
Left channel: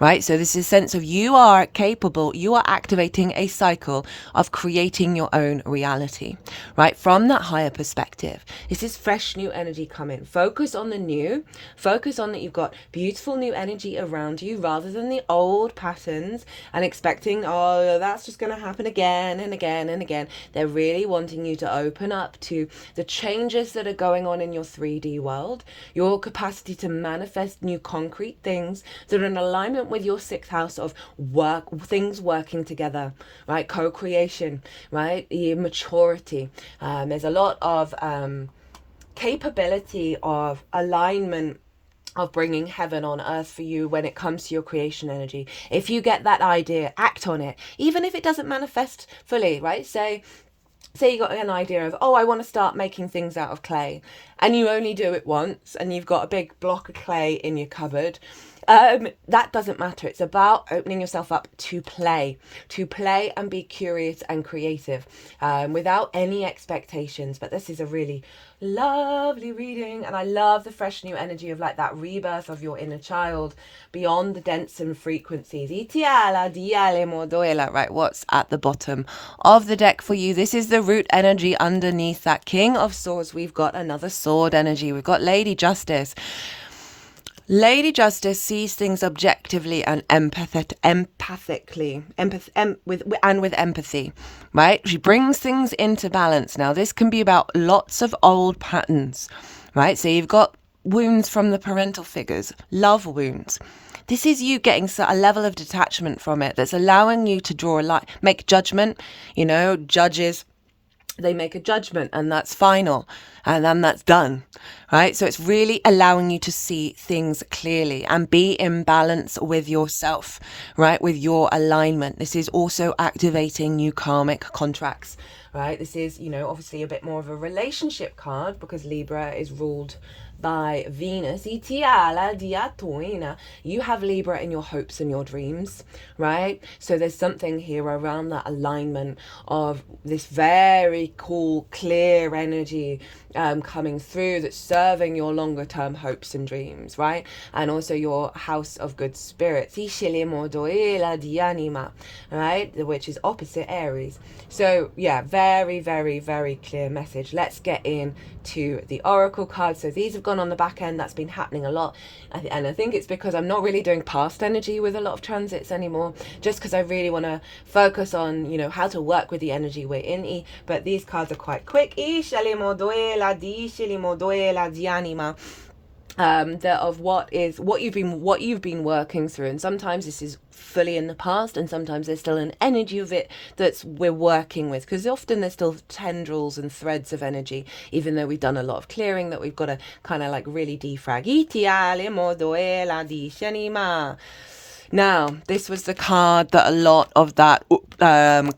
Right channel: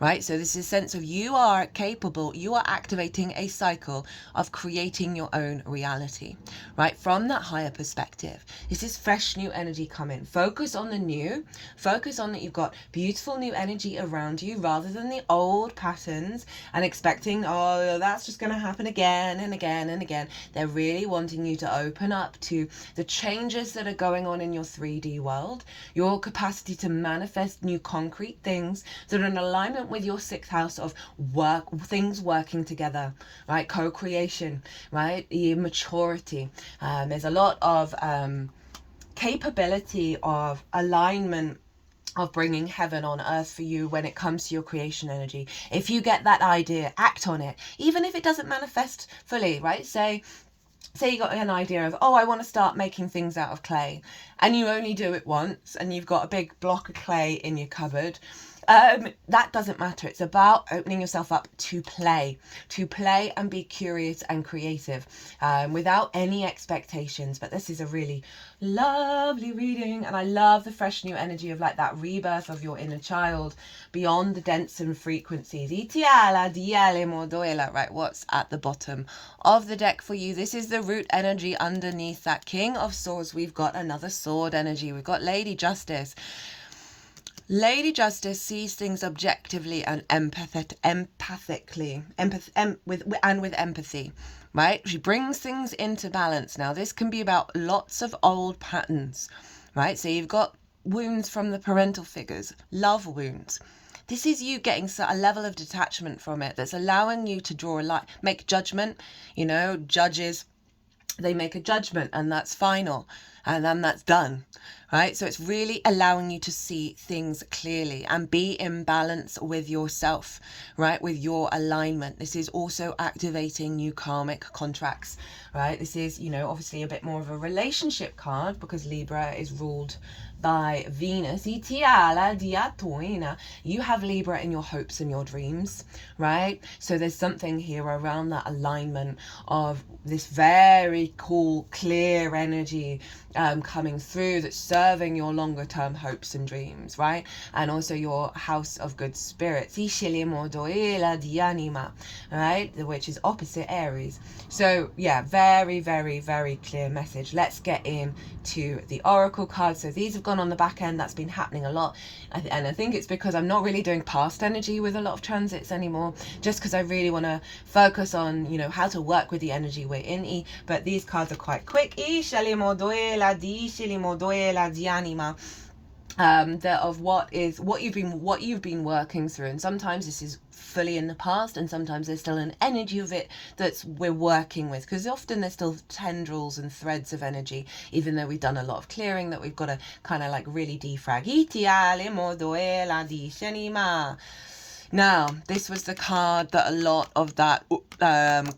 Right, so this is a sense of you are capable, you are activating a cycle of creating your own reality, right, from that higher perspective. This is fresh new energy coming. Focus on the new, focus on that you've got beautiful new energy around you rather than the old patterns and expecting, oh, that's just going to happen again and again and again. They're really wanting you to open up to the changes that are going on in your 3D world, your capacity to manifest new concrete things that are in alignment with your 6th house of work, things working together, right? Co-creation, right? Your maturity. There's a lot of capability of alignment, of bringing heaven on earth for you when it comes to your creation energy. If you get that idea, act on it, even if it doesn't manifest fully, right? Say you got an idea of, I want to start making things out of clay, and you only do it once, and you've got a big block of clay in your cupboard. That doesn't matter. It's about opening yourself up to play and be curious and creative, without any expectations. But this is a really lovely reading, and I love the fresh new energy of like that rebirth of your inner child beyond the dense and frequencies. Right, what's at the bottom of the deck for you? This is the root energy underneath that King of Swords. We've got another sword energy. We've got Lady Justice. Lady Justice sees things objectively and with empathy, right? She brings things into balance. Now, this can be about lots of old patterns, right? So you've got wounds from the parental figures, love wounds. This is you getting a level of detachment from it that's allowing you to draw a line, make judgment. You know, judges, they make a judgment and that's final, and then that's done, right? So it's really allowing you to see things clearly and be in balance with yourself, right? With your alignment. This is also activating new karmic contracts, right? This is, you know, obviously a bit more of a relationship card because Libra is ruled by Venus. You have Libra in your hopes and your dreams, right? So there's something here around that alignment of this very cool, clear energy coming through that's serving your longer term hopes and dreams, right? And also your house of good spirits, right? Which is opposite Aries. So yeah, very, very, very clear message. Let's get into the oracle cards. So these have gone on the back end. That's been happening a lot, and I think it's because I'm not really doing past energy with a lot of transits anymore, just because I really want to focus on, you know, how to work with the energy we're in. But these cards are quite quick. Of what you've been working through, and sometimes this is fully in the past, and sometimes there's still an energy of it we're working with, because often there's still tendrils and threads of energy, even though we've done a lot of clearing, that we've got to kind of like really defrag. Now, this was the card that a lot of that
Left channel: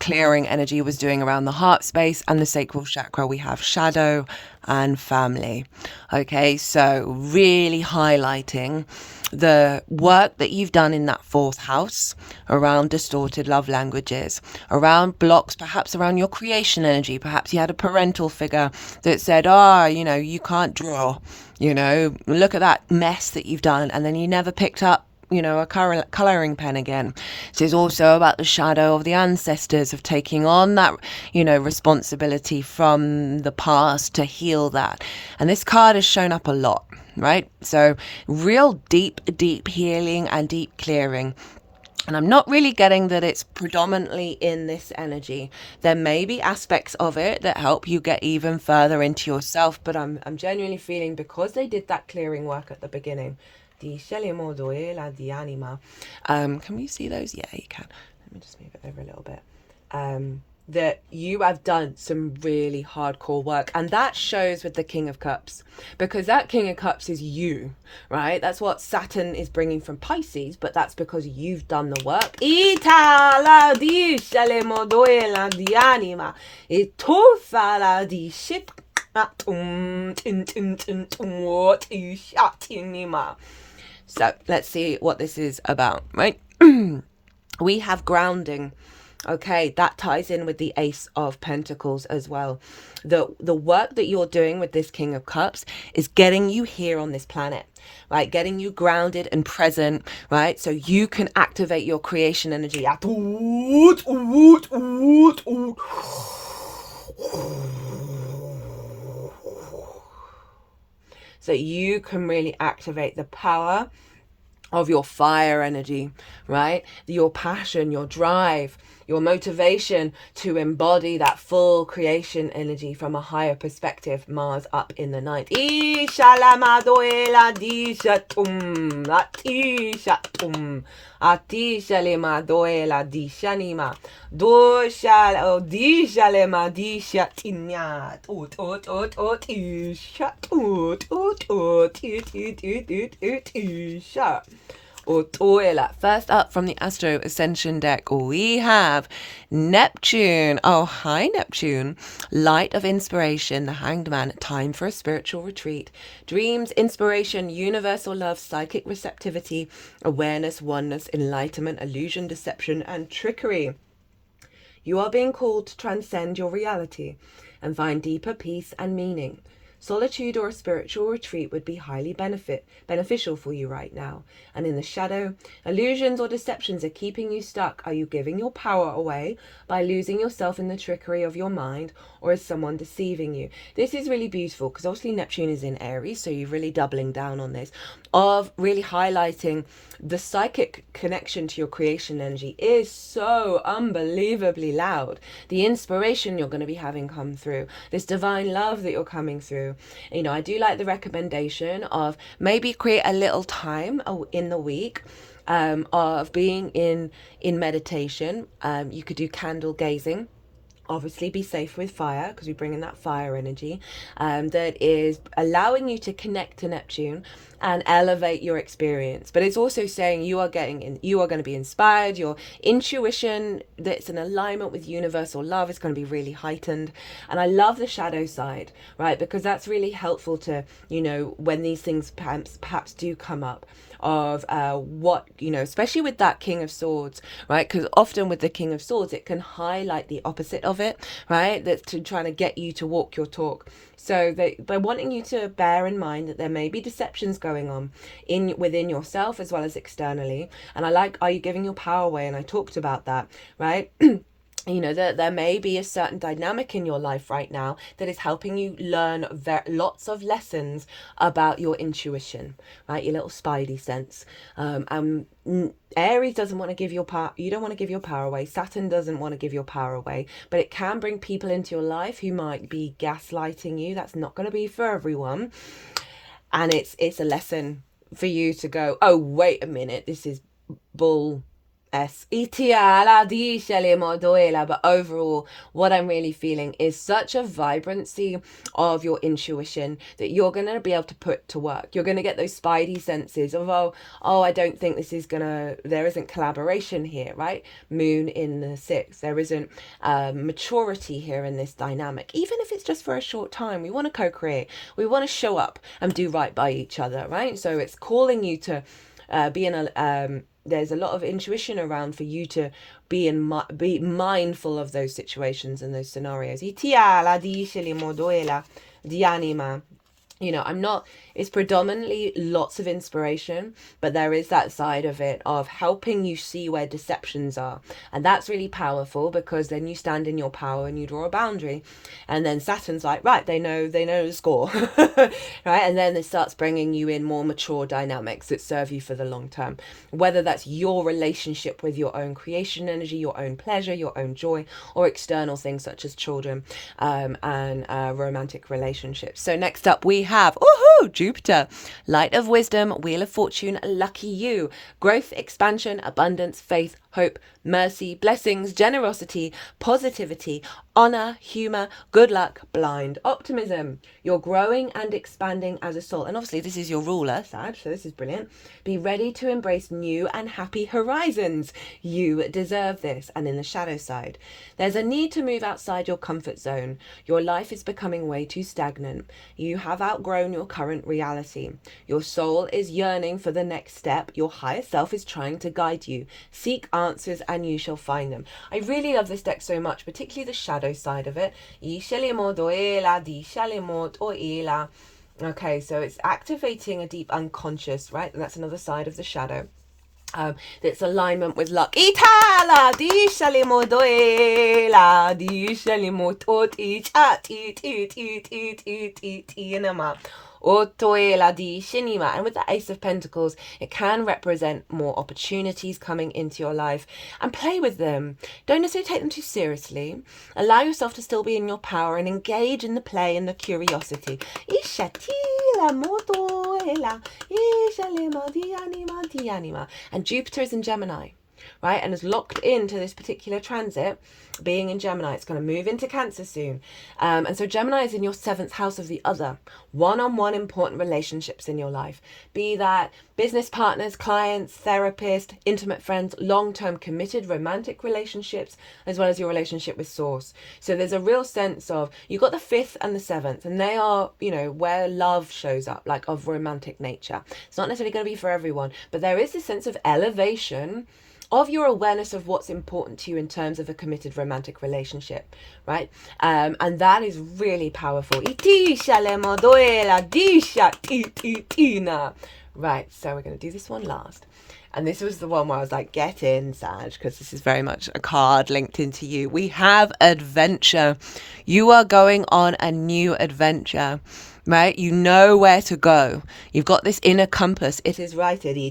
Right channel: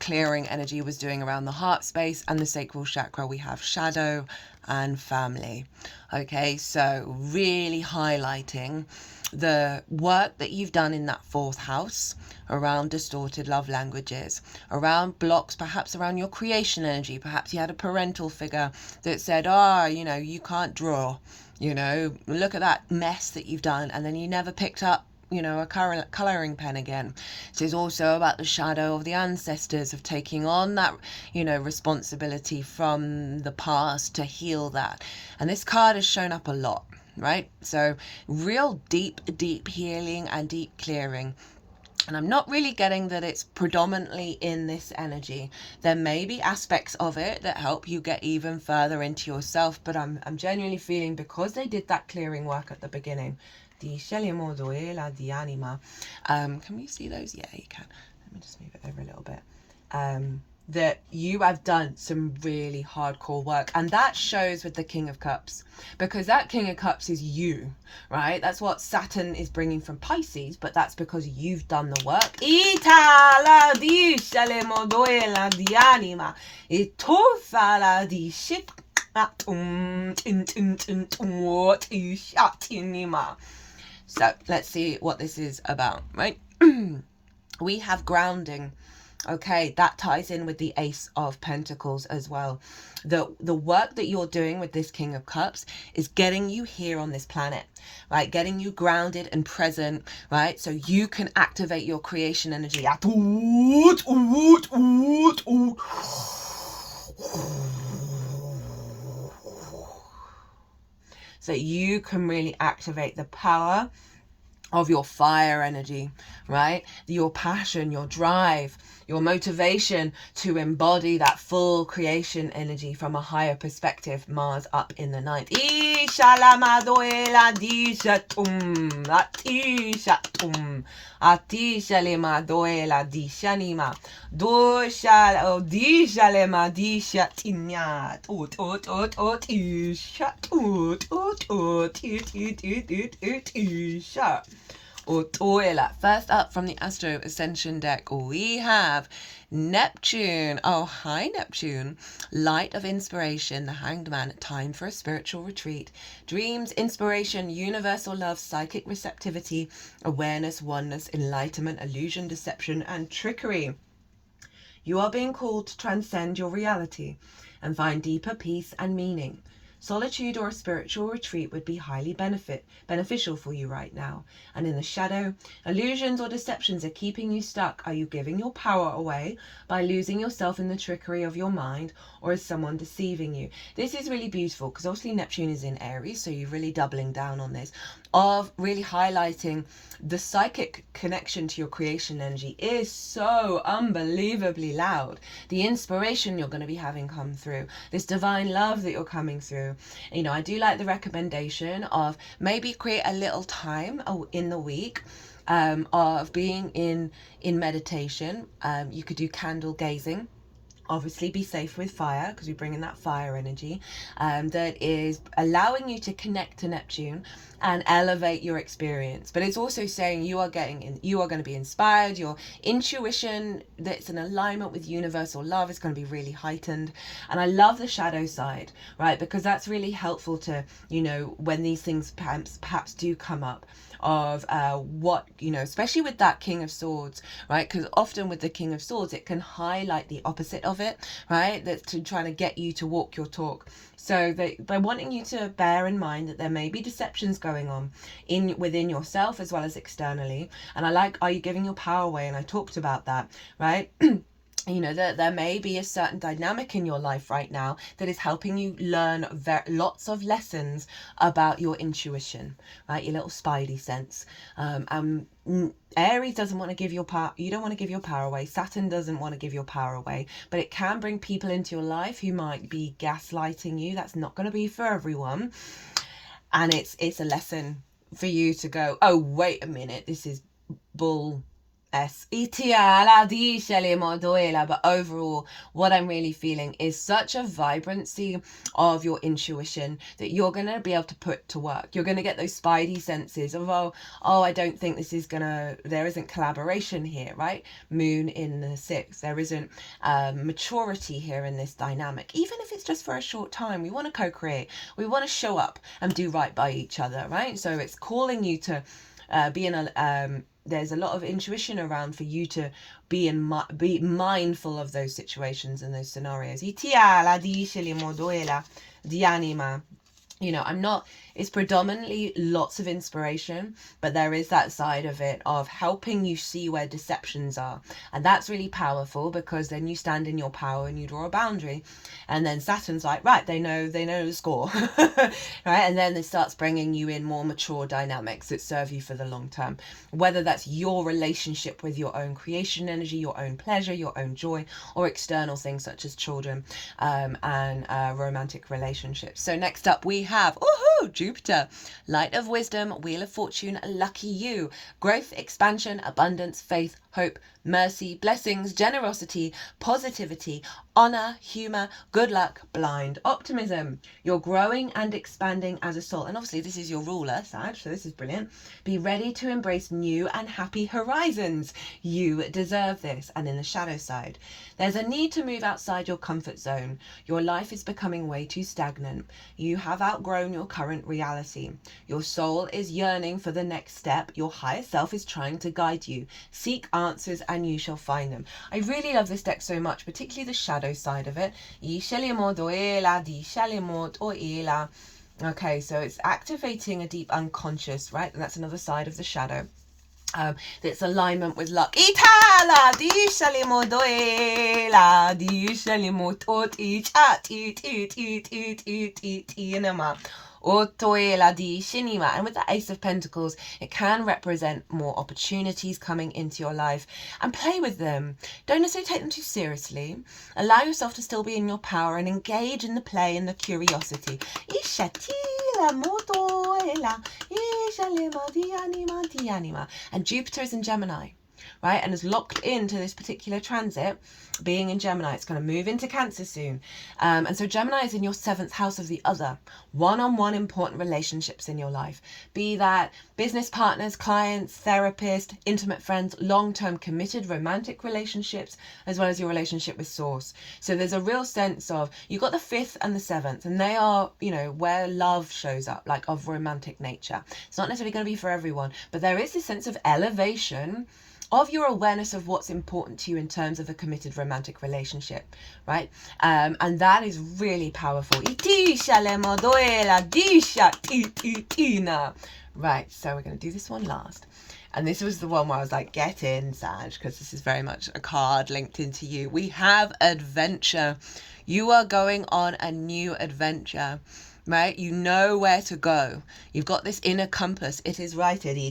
clearing energy was doing around the heart space and the sacral chakra. We have shadow and family. Okay, so really highlighting the work that you've done in that fourth house around distorted love languages, around blocks, perhaps around your creation energy. Perhaps you had a parental figure that said, you know, you can't draw, you know, look at that mess that you've done, and then you never picked up, you know, a colouring pen again. So it's also about the shadow of the ancestors, of taking on that, you know, responsibility from the past to heal that. And this card has shown up a lot, right? So real deep healing and deep clearing. And I'm not really getting that it's predominantly in this energy. There may be aspects of it that help you get even further into yourself, but I'm genuinely feeling, because they did that clearing work at the beginning. Can we see those? Yeah, you can. Let me just move it over a little bit. That you have done some really hardcore work, and that shows with the King of Cups, because that King of Cups is you, right? That's what Saturn is bringing from Pisces, but that's because you've done the work. So let's see what this is about, right? We have grounding. Okay, that ties in with the Ace of Pentacles as well. The work that you're doing with this King of Cups is getting you here on this planet, right? Getting you grounded and present, right? So you can activate your creation energy. So you can really activate the power of your fire energy, right? Your passion, your drive, your motivation to embody that full creation energy from a higher perspective. Mars up in the ninth. First up from the Astro Ascension deck, we have Neptune. Oh, hi, Neptune. Light of inspiration, the Hanged Man. Time for a spiritual retreat. Dreams, inspiration, universal love, psychic receptivity, awareness, oneness, enlightenment, illusion, deception, and trickery. You are being called to transcend your reality and find deeper peace and meaning. Solitude or a spiritual retreat would be highly beneficial for you right now. And in the shadow, illusions or deceptions are keeping you stuck. Are you giving your power away by losing yourself in the trickery of your mind, or is someone deceiving you? This is really beautiful, because obviously Neptune is in Aries, so you're really doubling down on this, of really highlighting the psychic connection to your creation energy is so unbelievably loud. The inspiration you're going to be having come through, this divine love that you're coming through. You know, I do like the recommendation of maybe create a little time in the week of being in meditation. You could do candle gazing. Obviously be safe with fire, because we bring in that fire energy that is allowing you to connect to Neptune and elevate your experience. But it's also saying you are going to be inspired. Your intuition that's in alignment with universal love is going to be really heightened. And I love the shadow side, right? Because that's really helpful to, you know, when these things perhaps do come up, of what, you know, especially with that King of Swords, right? Because often with the King of Swords, it can highlight the opposite of it, right? That's trying to get you to walk your talk. So they're wanting you to bear in mind that there may be deceptions going on within yourself as well as externally. And I like, are you giving your power away? And I talked about that, right? You know, that there may be a certain dynamic in your life right now that is helping you learn lots of lessons about your intuition, right? Your little spidey sense. Aries doesn't want to give your power. You don't want to give your power away. Saturn doesn't want to give your power away, but it can bring people into your life who might be gaslighting you. That's not going to be for everyone. And it's a lesson for you to go, oh, wait a minute, this is bull S. But overall, what I'm really feeling is such a vibrancy of your intuition that you're going to be able to put to work. You're going to get those spidey senses of, oh, I don't think this is there isn't collaboration here, right? Moon in the 6th. There isn't maturity here in this dynamic. Even if it's just for a short time, we want to co-create. We want to show up and do right by each other, right? So it's calling you to be in a... there's a lot of intuition around for you to be mindful of those situations and those scenarios. You know, it's predominantly lots of inspiration, but there is that side of it of helping you see where deceptions are. And that's really powerful, because then you stand in your power and you draw a boundary. And then Saturn's like, right, they know the score, right? And then it starts bringing you in more mature dynamics that serve you for the long term, whether that's your relationship with your own creation energy, your own pleasure, your own joy, or external things such as children and romantic relationships. So next up we have Jupiter, light of wisdom, wheel of fortune, lucky you, growth, expansion, abundance, faith, hope, mercy, blessings, generosity, positivity, honor, humor, good luck, blind, optimism. You're growing and expanding as a soul. And obviously this is your ruler, Sag, so this is brilliant. Be ready to embrace new and happy horizons. You deserve this. And in the shadow side, there's a need to move outside your comfort zone. Your life is becoming way too stagnant. You have outgrown your current reality. Your soul is yearning for the next step. Your higher self is trying to guide you. Seek answers and you shall find them. I really love this deck so much, particularly the shadow side of it. Okay, so it's activating a deep unconscious, right? And that's another side of the shadow. That's alignment with luck. And with the Ace of Pentacles, it can represent more opportunities coming into your life, and play with them. Don't necessarily take them too seriously. Allow yourself to still be in your power and engage in the play and the curiosity. And Jupiter is in Gemini, right, and is locked into this particular transit, being in Gemini. It's going to move into Cancer soon, and so Gemini is in your 7th house of the other, one-on-one important relationships in your life, be that business partners, clients, therapists, intimate friends, long-term committed romantic relationships, as well as your relationship with source. So there's a real sense of, you've got the 5th and the 7th, and they are, you know, where love shows up, like of romantic nature. It's not necessarily going to be for everyone, but there is this sense of elevation of your awareness of what's important to you in terms of a committed romantic relationship, right? And that is really powerful. Right, so we're going to do this one last. And this was the one where I was like, get in, Sag, because this is very much a card linked into you. We have adventure. You are going on a new adventure, right? You know where to go. You've got this inner compass. It is right. They're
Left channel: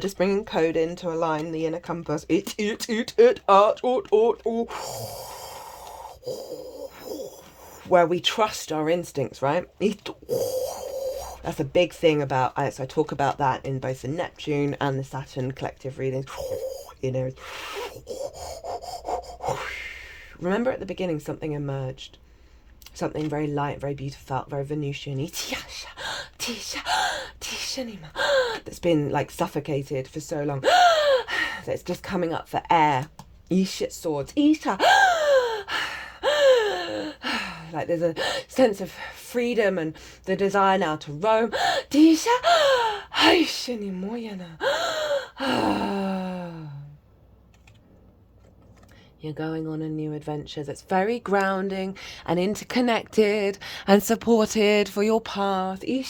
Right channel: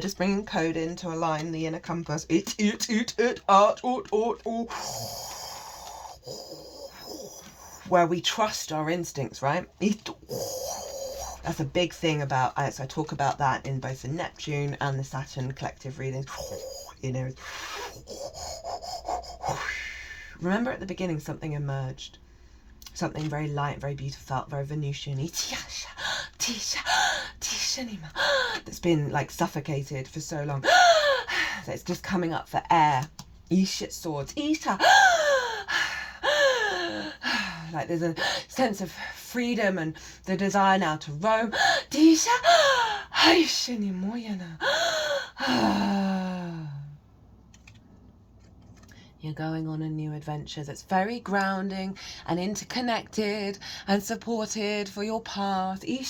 just bringing code in to align the inner compass. Where we trust our instincts, right? That's a big thing about, so I talk about that in both the Neptune and the Saturn collective readings. You know, remember at the beginning something emerged, something very light, very beautiful, very Venusian, that's been like suffocated for so long. So it's just coming up for air. Swords. Like there's a sense of freedom and the desire now to roam. You're going on a new adventure that's very grounding and interconnected and supported for your path. We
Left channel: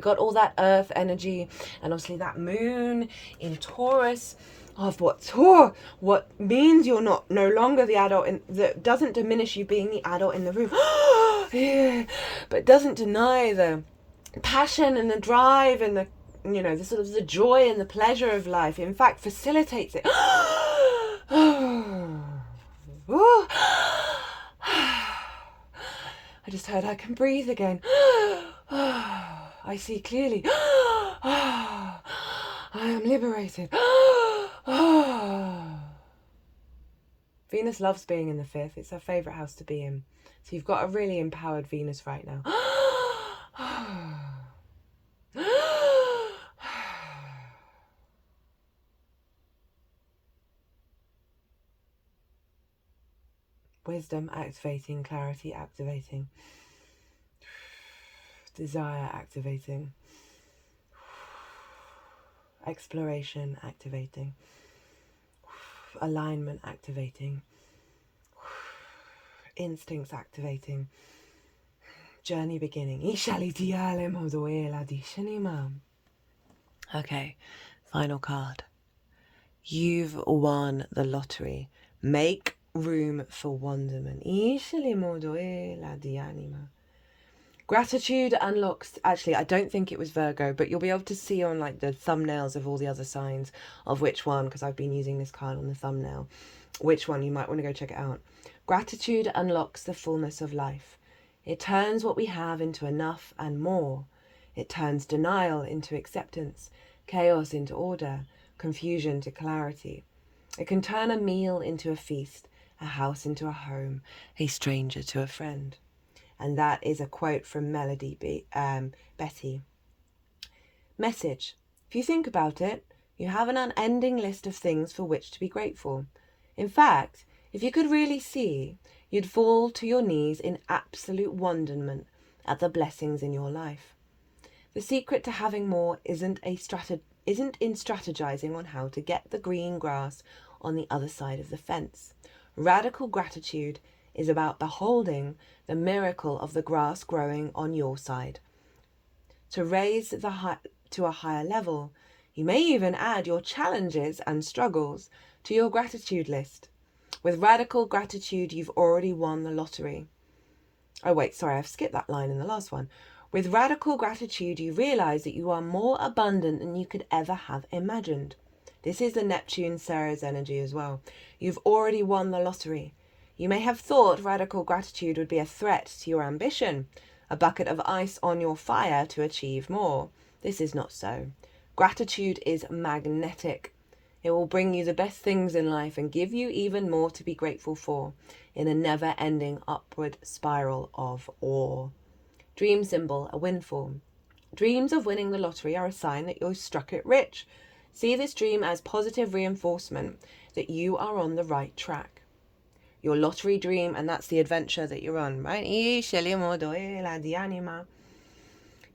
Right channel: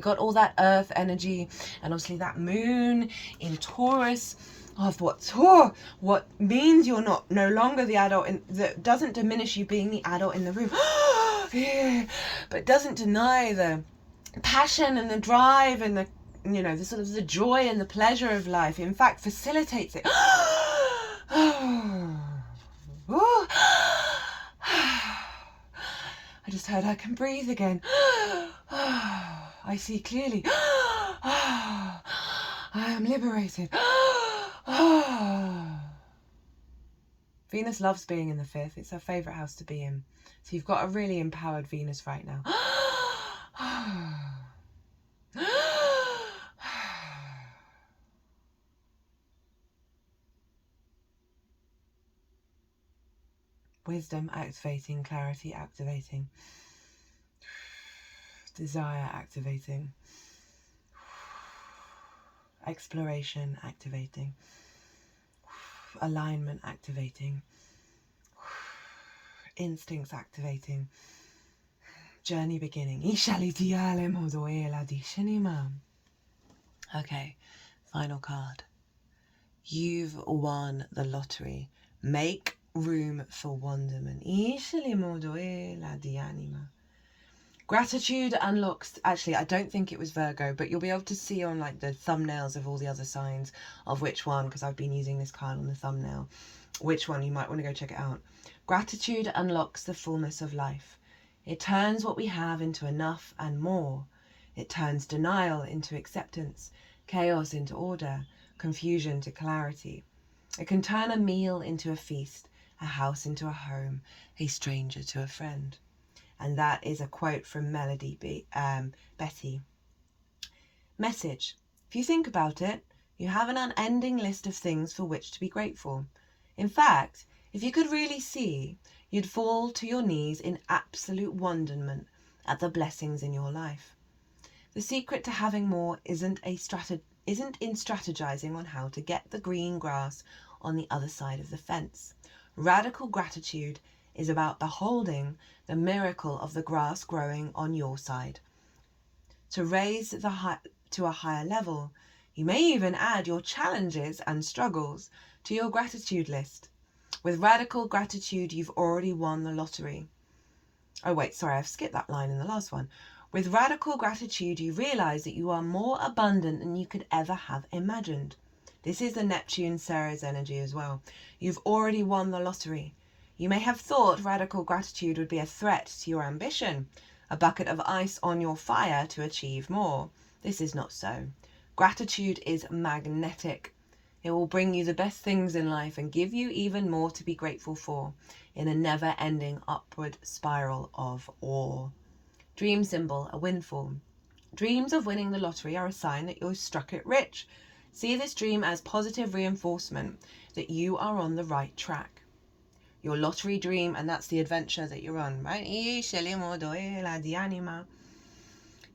got all that earth energy and obviously that moon in Taurus of what means you're no longer the adult, that doesn't diminish you being the adult in the room. Yeah, but doesn't deny the passion and the drive and the, you know, the sort of the joy and the pleasure of life. In fact, facilitates it. I just heard I can breathe again. I see clearly. I am liberated. Venus loves being in the 5th. It's her favourite house to be in. So you've got a really empowered Venus right now. Wisdom activating, clarity activating, desire activating, exploration activating, alignment activating, instincts activating, journey beginning. Okay, final card. You've won the lottery. Make room for wonderment. Gratitude unlocks, actually I don't think it was Virgo, but you'll be able to see on like the thumbnails of all the other signs of which one, because I've been using this card on the thumbnail, which one you might want to go check it out. Gratitude unlocks the fullness of life. It turns what we have into enough and more. It turns denial into acceptance, chaos into order, confusion to clarity. It can turn a meal into a feast, a house into a home, a stranger to a friend. And that is a quote from Betty. Message. If you think about it, you have an unending list of things for which to be grateful. In fact, if you could really see, you'd fall to your knees in absolute wonderment at the blessings in your life. The secret to having more isn't in strategizing on how to get the green grass on the other side of the fence. Radical gratitude is about beholding the miracle of the grass growing on your side. To raise to a higher level, you may even add your challenges and struggles to your gratitude list. With radical gratitude, you've already won the lottery. Oh wait, sorry, I've skipped that line in the last one. With radical gratitude, you realize that you are more abundant than you could ever have imagined. This is the Neptune Ceres energy as well. You've already won the lottery. You may have thought radical gratitude would be a threat to your ambition, a bucket of ice on your fire to achieve more. This is not so. Gratitude is magnetic. It will bring you the best things in life and give you even more to be grateful for in a never-ending upward spiral of awe. Dream symbol, a windfall. Dreams of winning the lottery are a sign that you've struck it rich. See this dream as positive reinforcement that you are on the right track. Your lottery dream, and that's the adventure that you're on, right?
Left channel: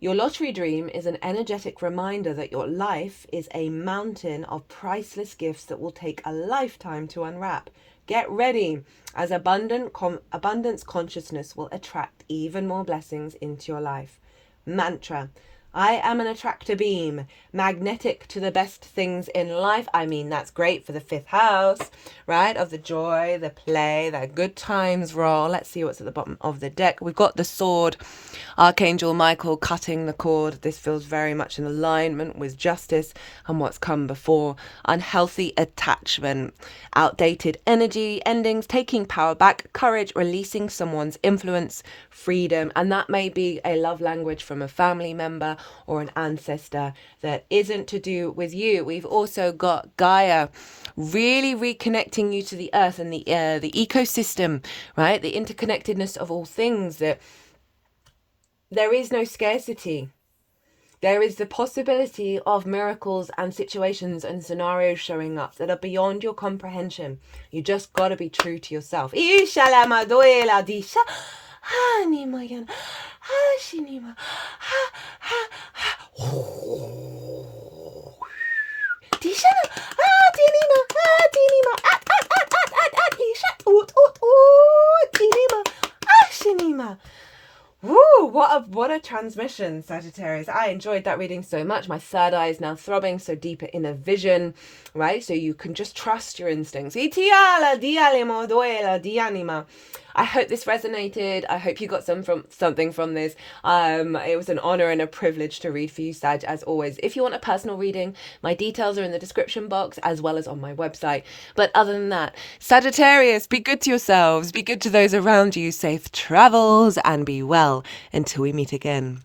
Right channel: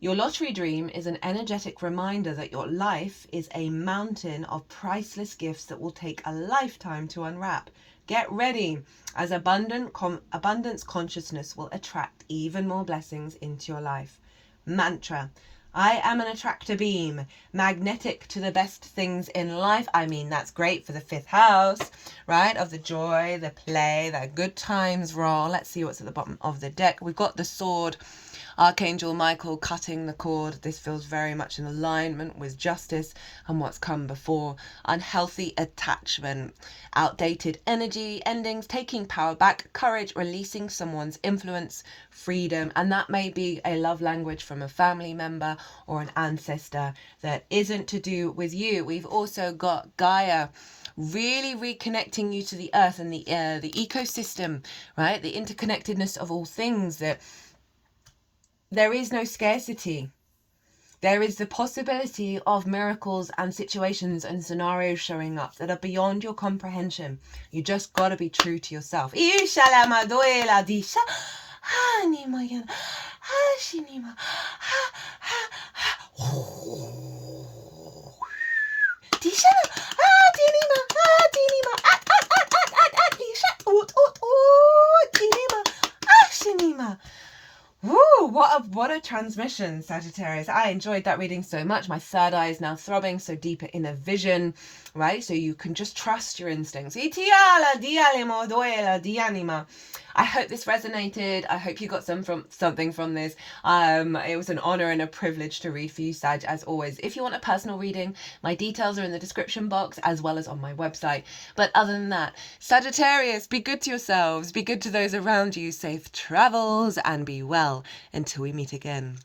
Your lottery dream is an energetic reminder that your life is a mountain of priceless gifts that will take a lifetime to unwrap. Get ready, as abundance consciousness will attract even more blessings into your life. Mantra. I am an attractor beam, magnetic to the best things in life. I mean, that's great for the 5th house, right? Of the joy, the play, the good times roll. Let's see what's at the bottom of the deck. We've got the sword, Archangel Michael cutting the cord. This feels very much in alignment with justice and what's come before. Unhealthy attachment, outdated energy, endings, taking power back, courage, releasing someone's influence, freedom. And that may be a love language from a family member or an ancestor that isn't to do with you. We've also got Gaia really reconnecting you to the earth and the ecosystem, right? The interconnectedness of all things, that there is no scarcity. There is the possibility of miracles and situations and scenarios showing up that are beyond your comprehension. You just got to be true to yourself. Woo, what a transmission, Sagittarius. I enjoyed that reading so much. My third eye is now throbbing so deep in a vision, right? So you can just trust your instincts. I hope this resonated. I hope you got something from this. It was an honor and a privilege to read for you, Sag, as always. If you want a personal reading, my details are in the description box as well as on my website. But other than that, Sagittarius, be good to yourselves, be good to those around you, safe travels, and be well until we meet again.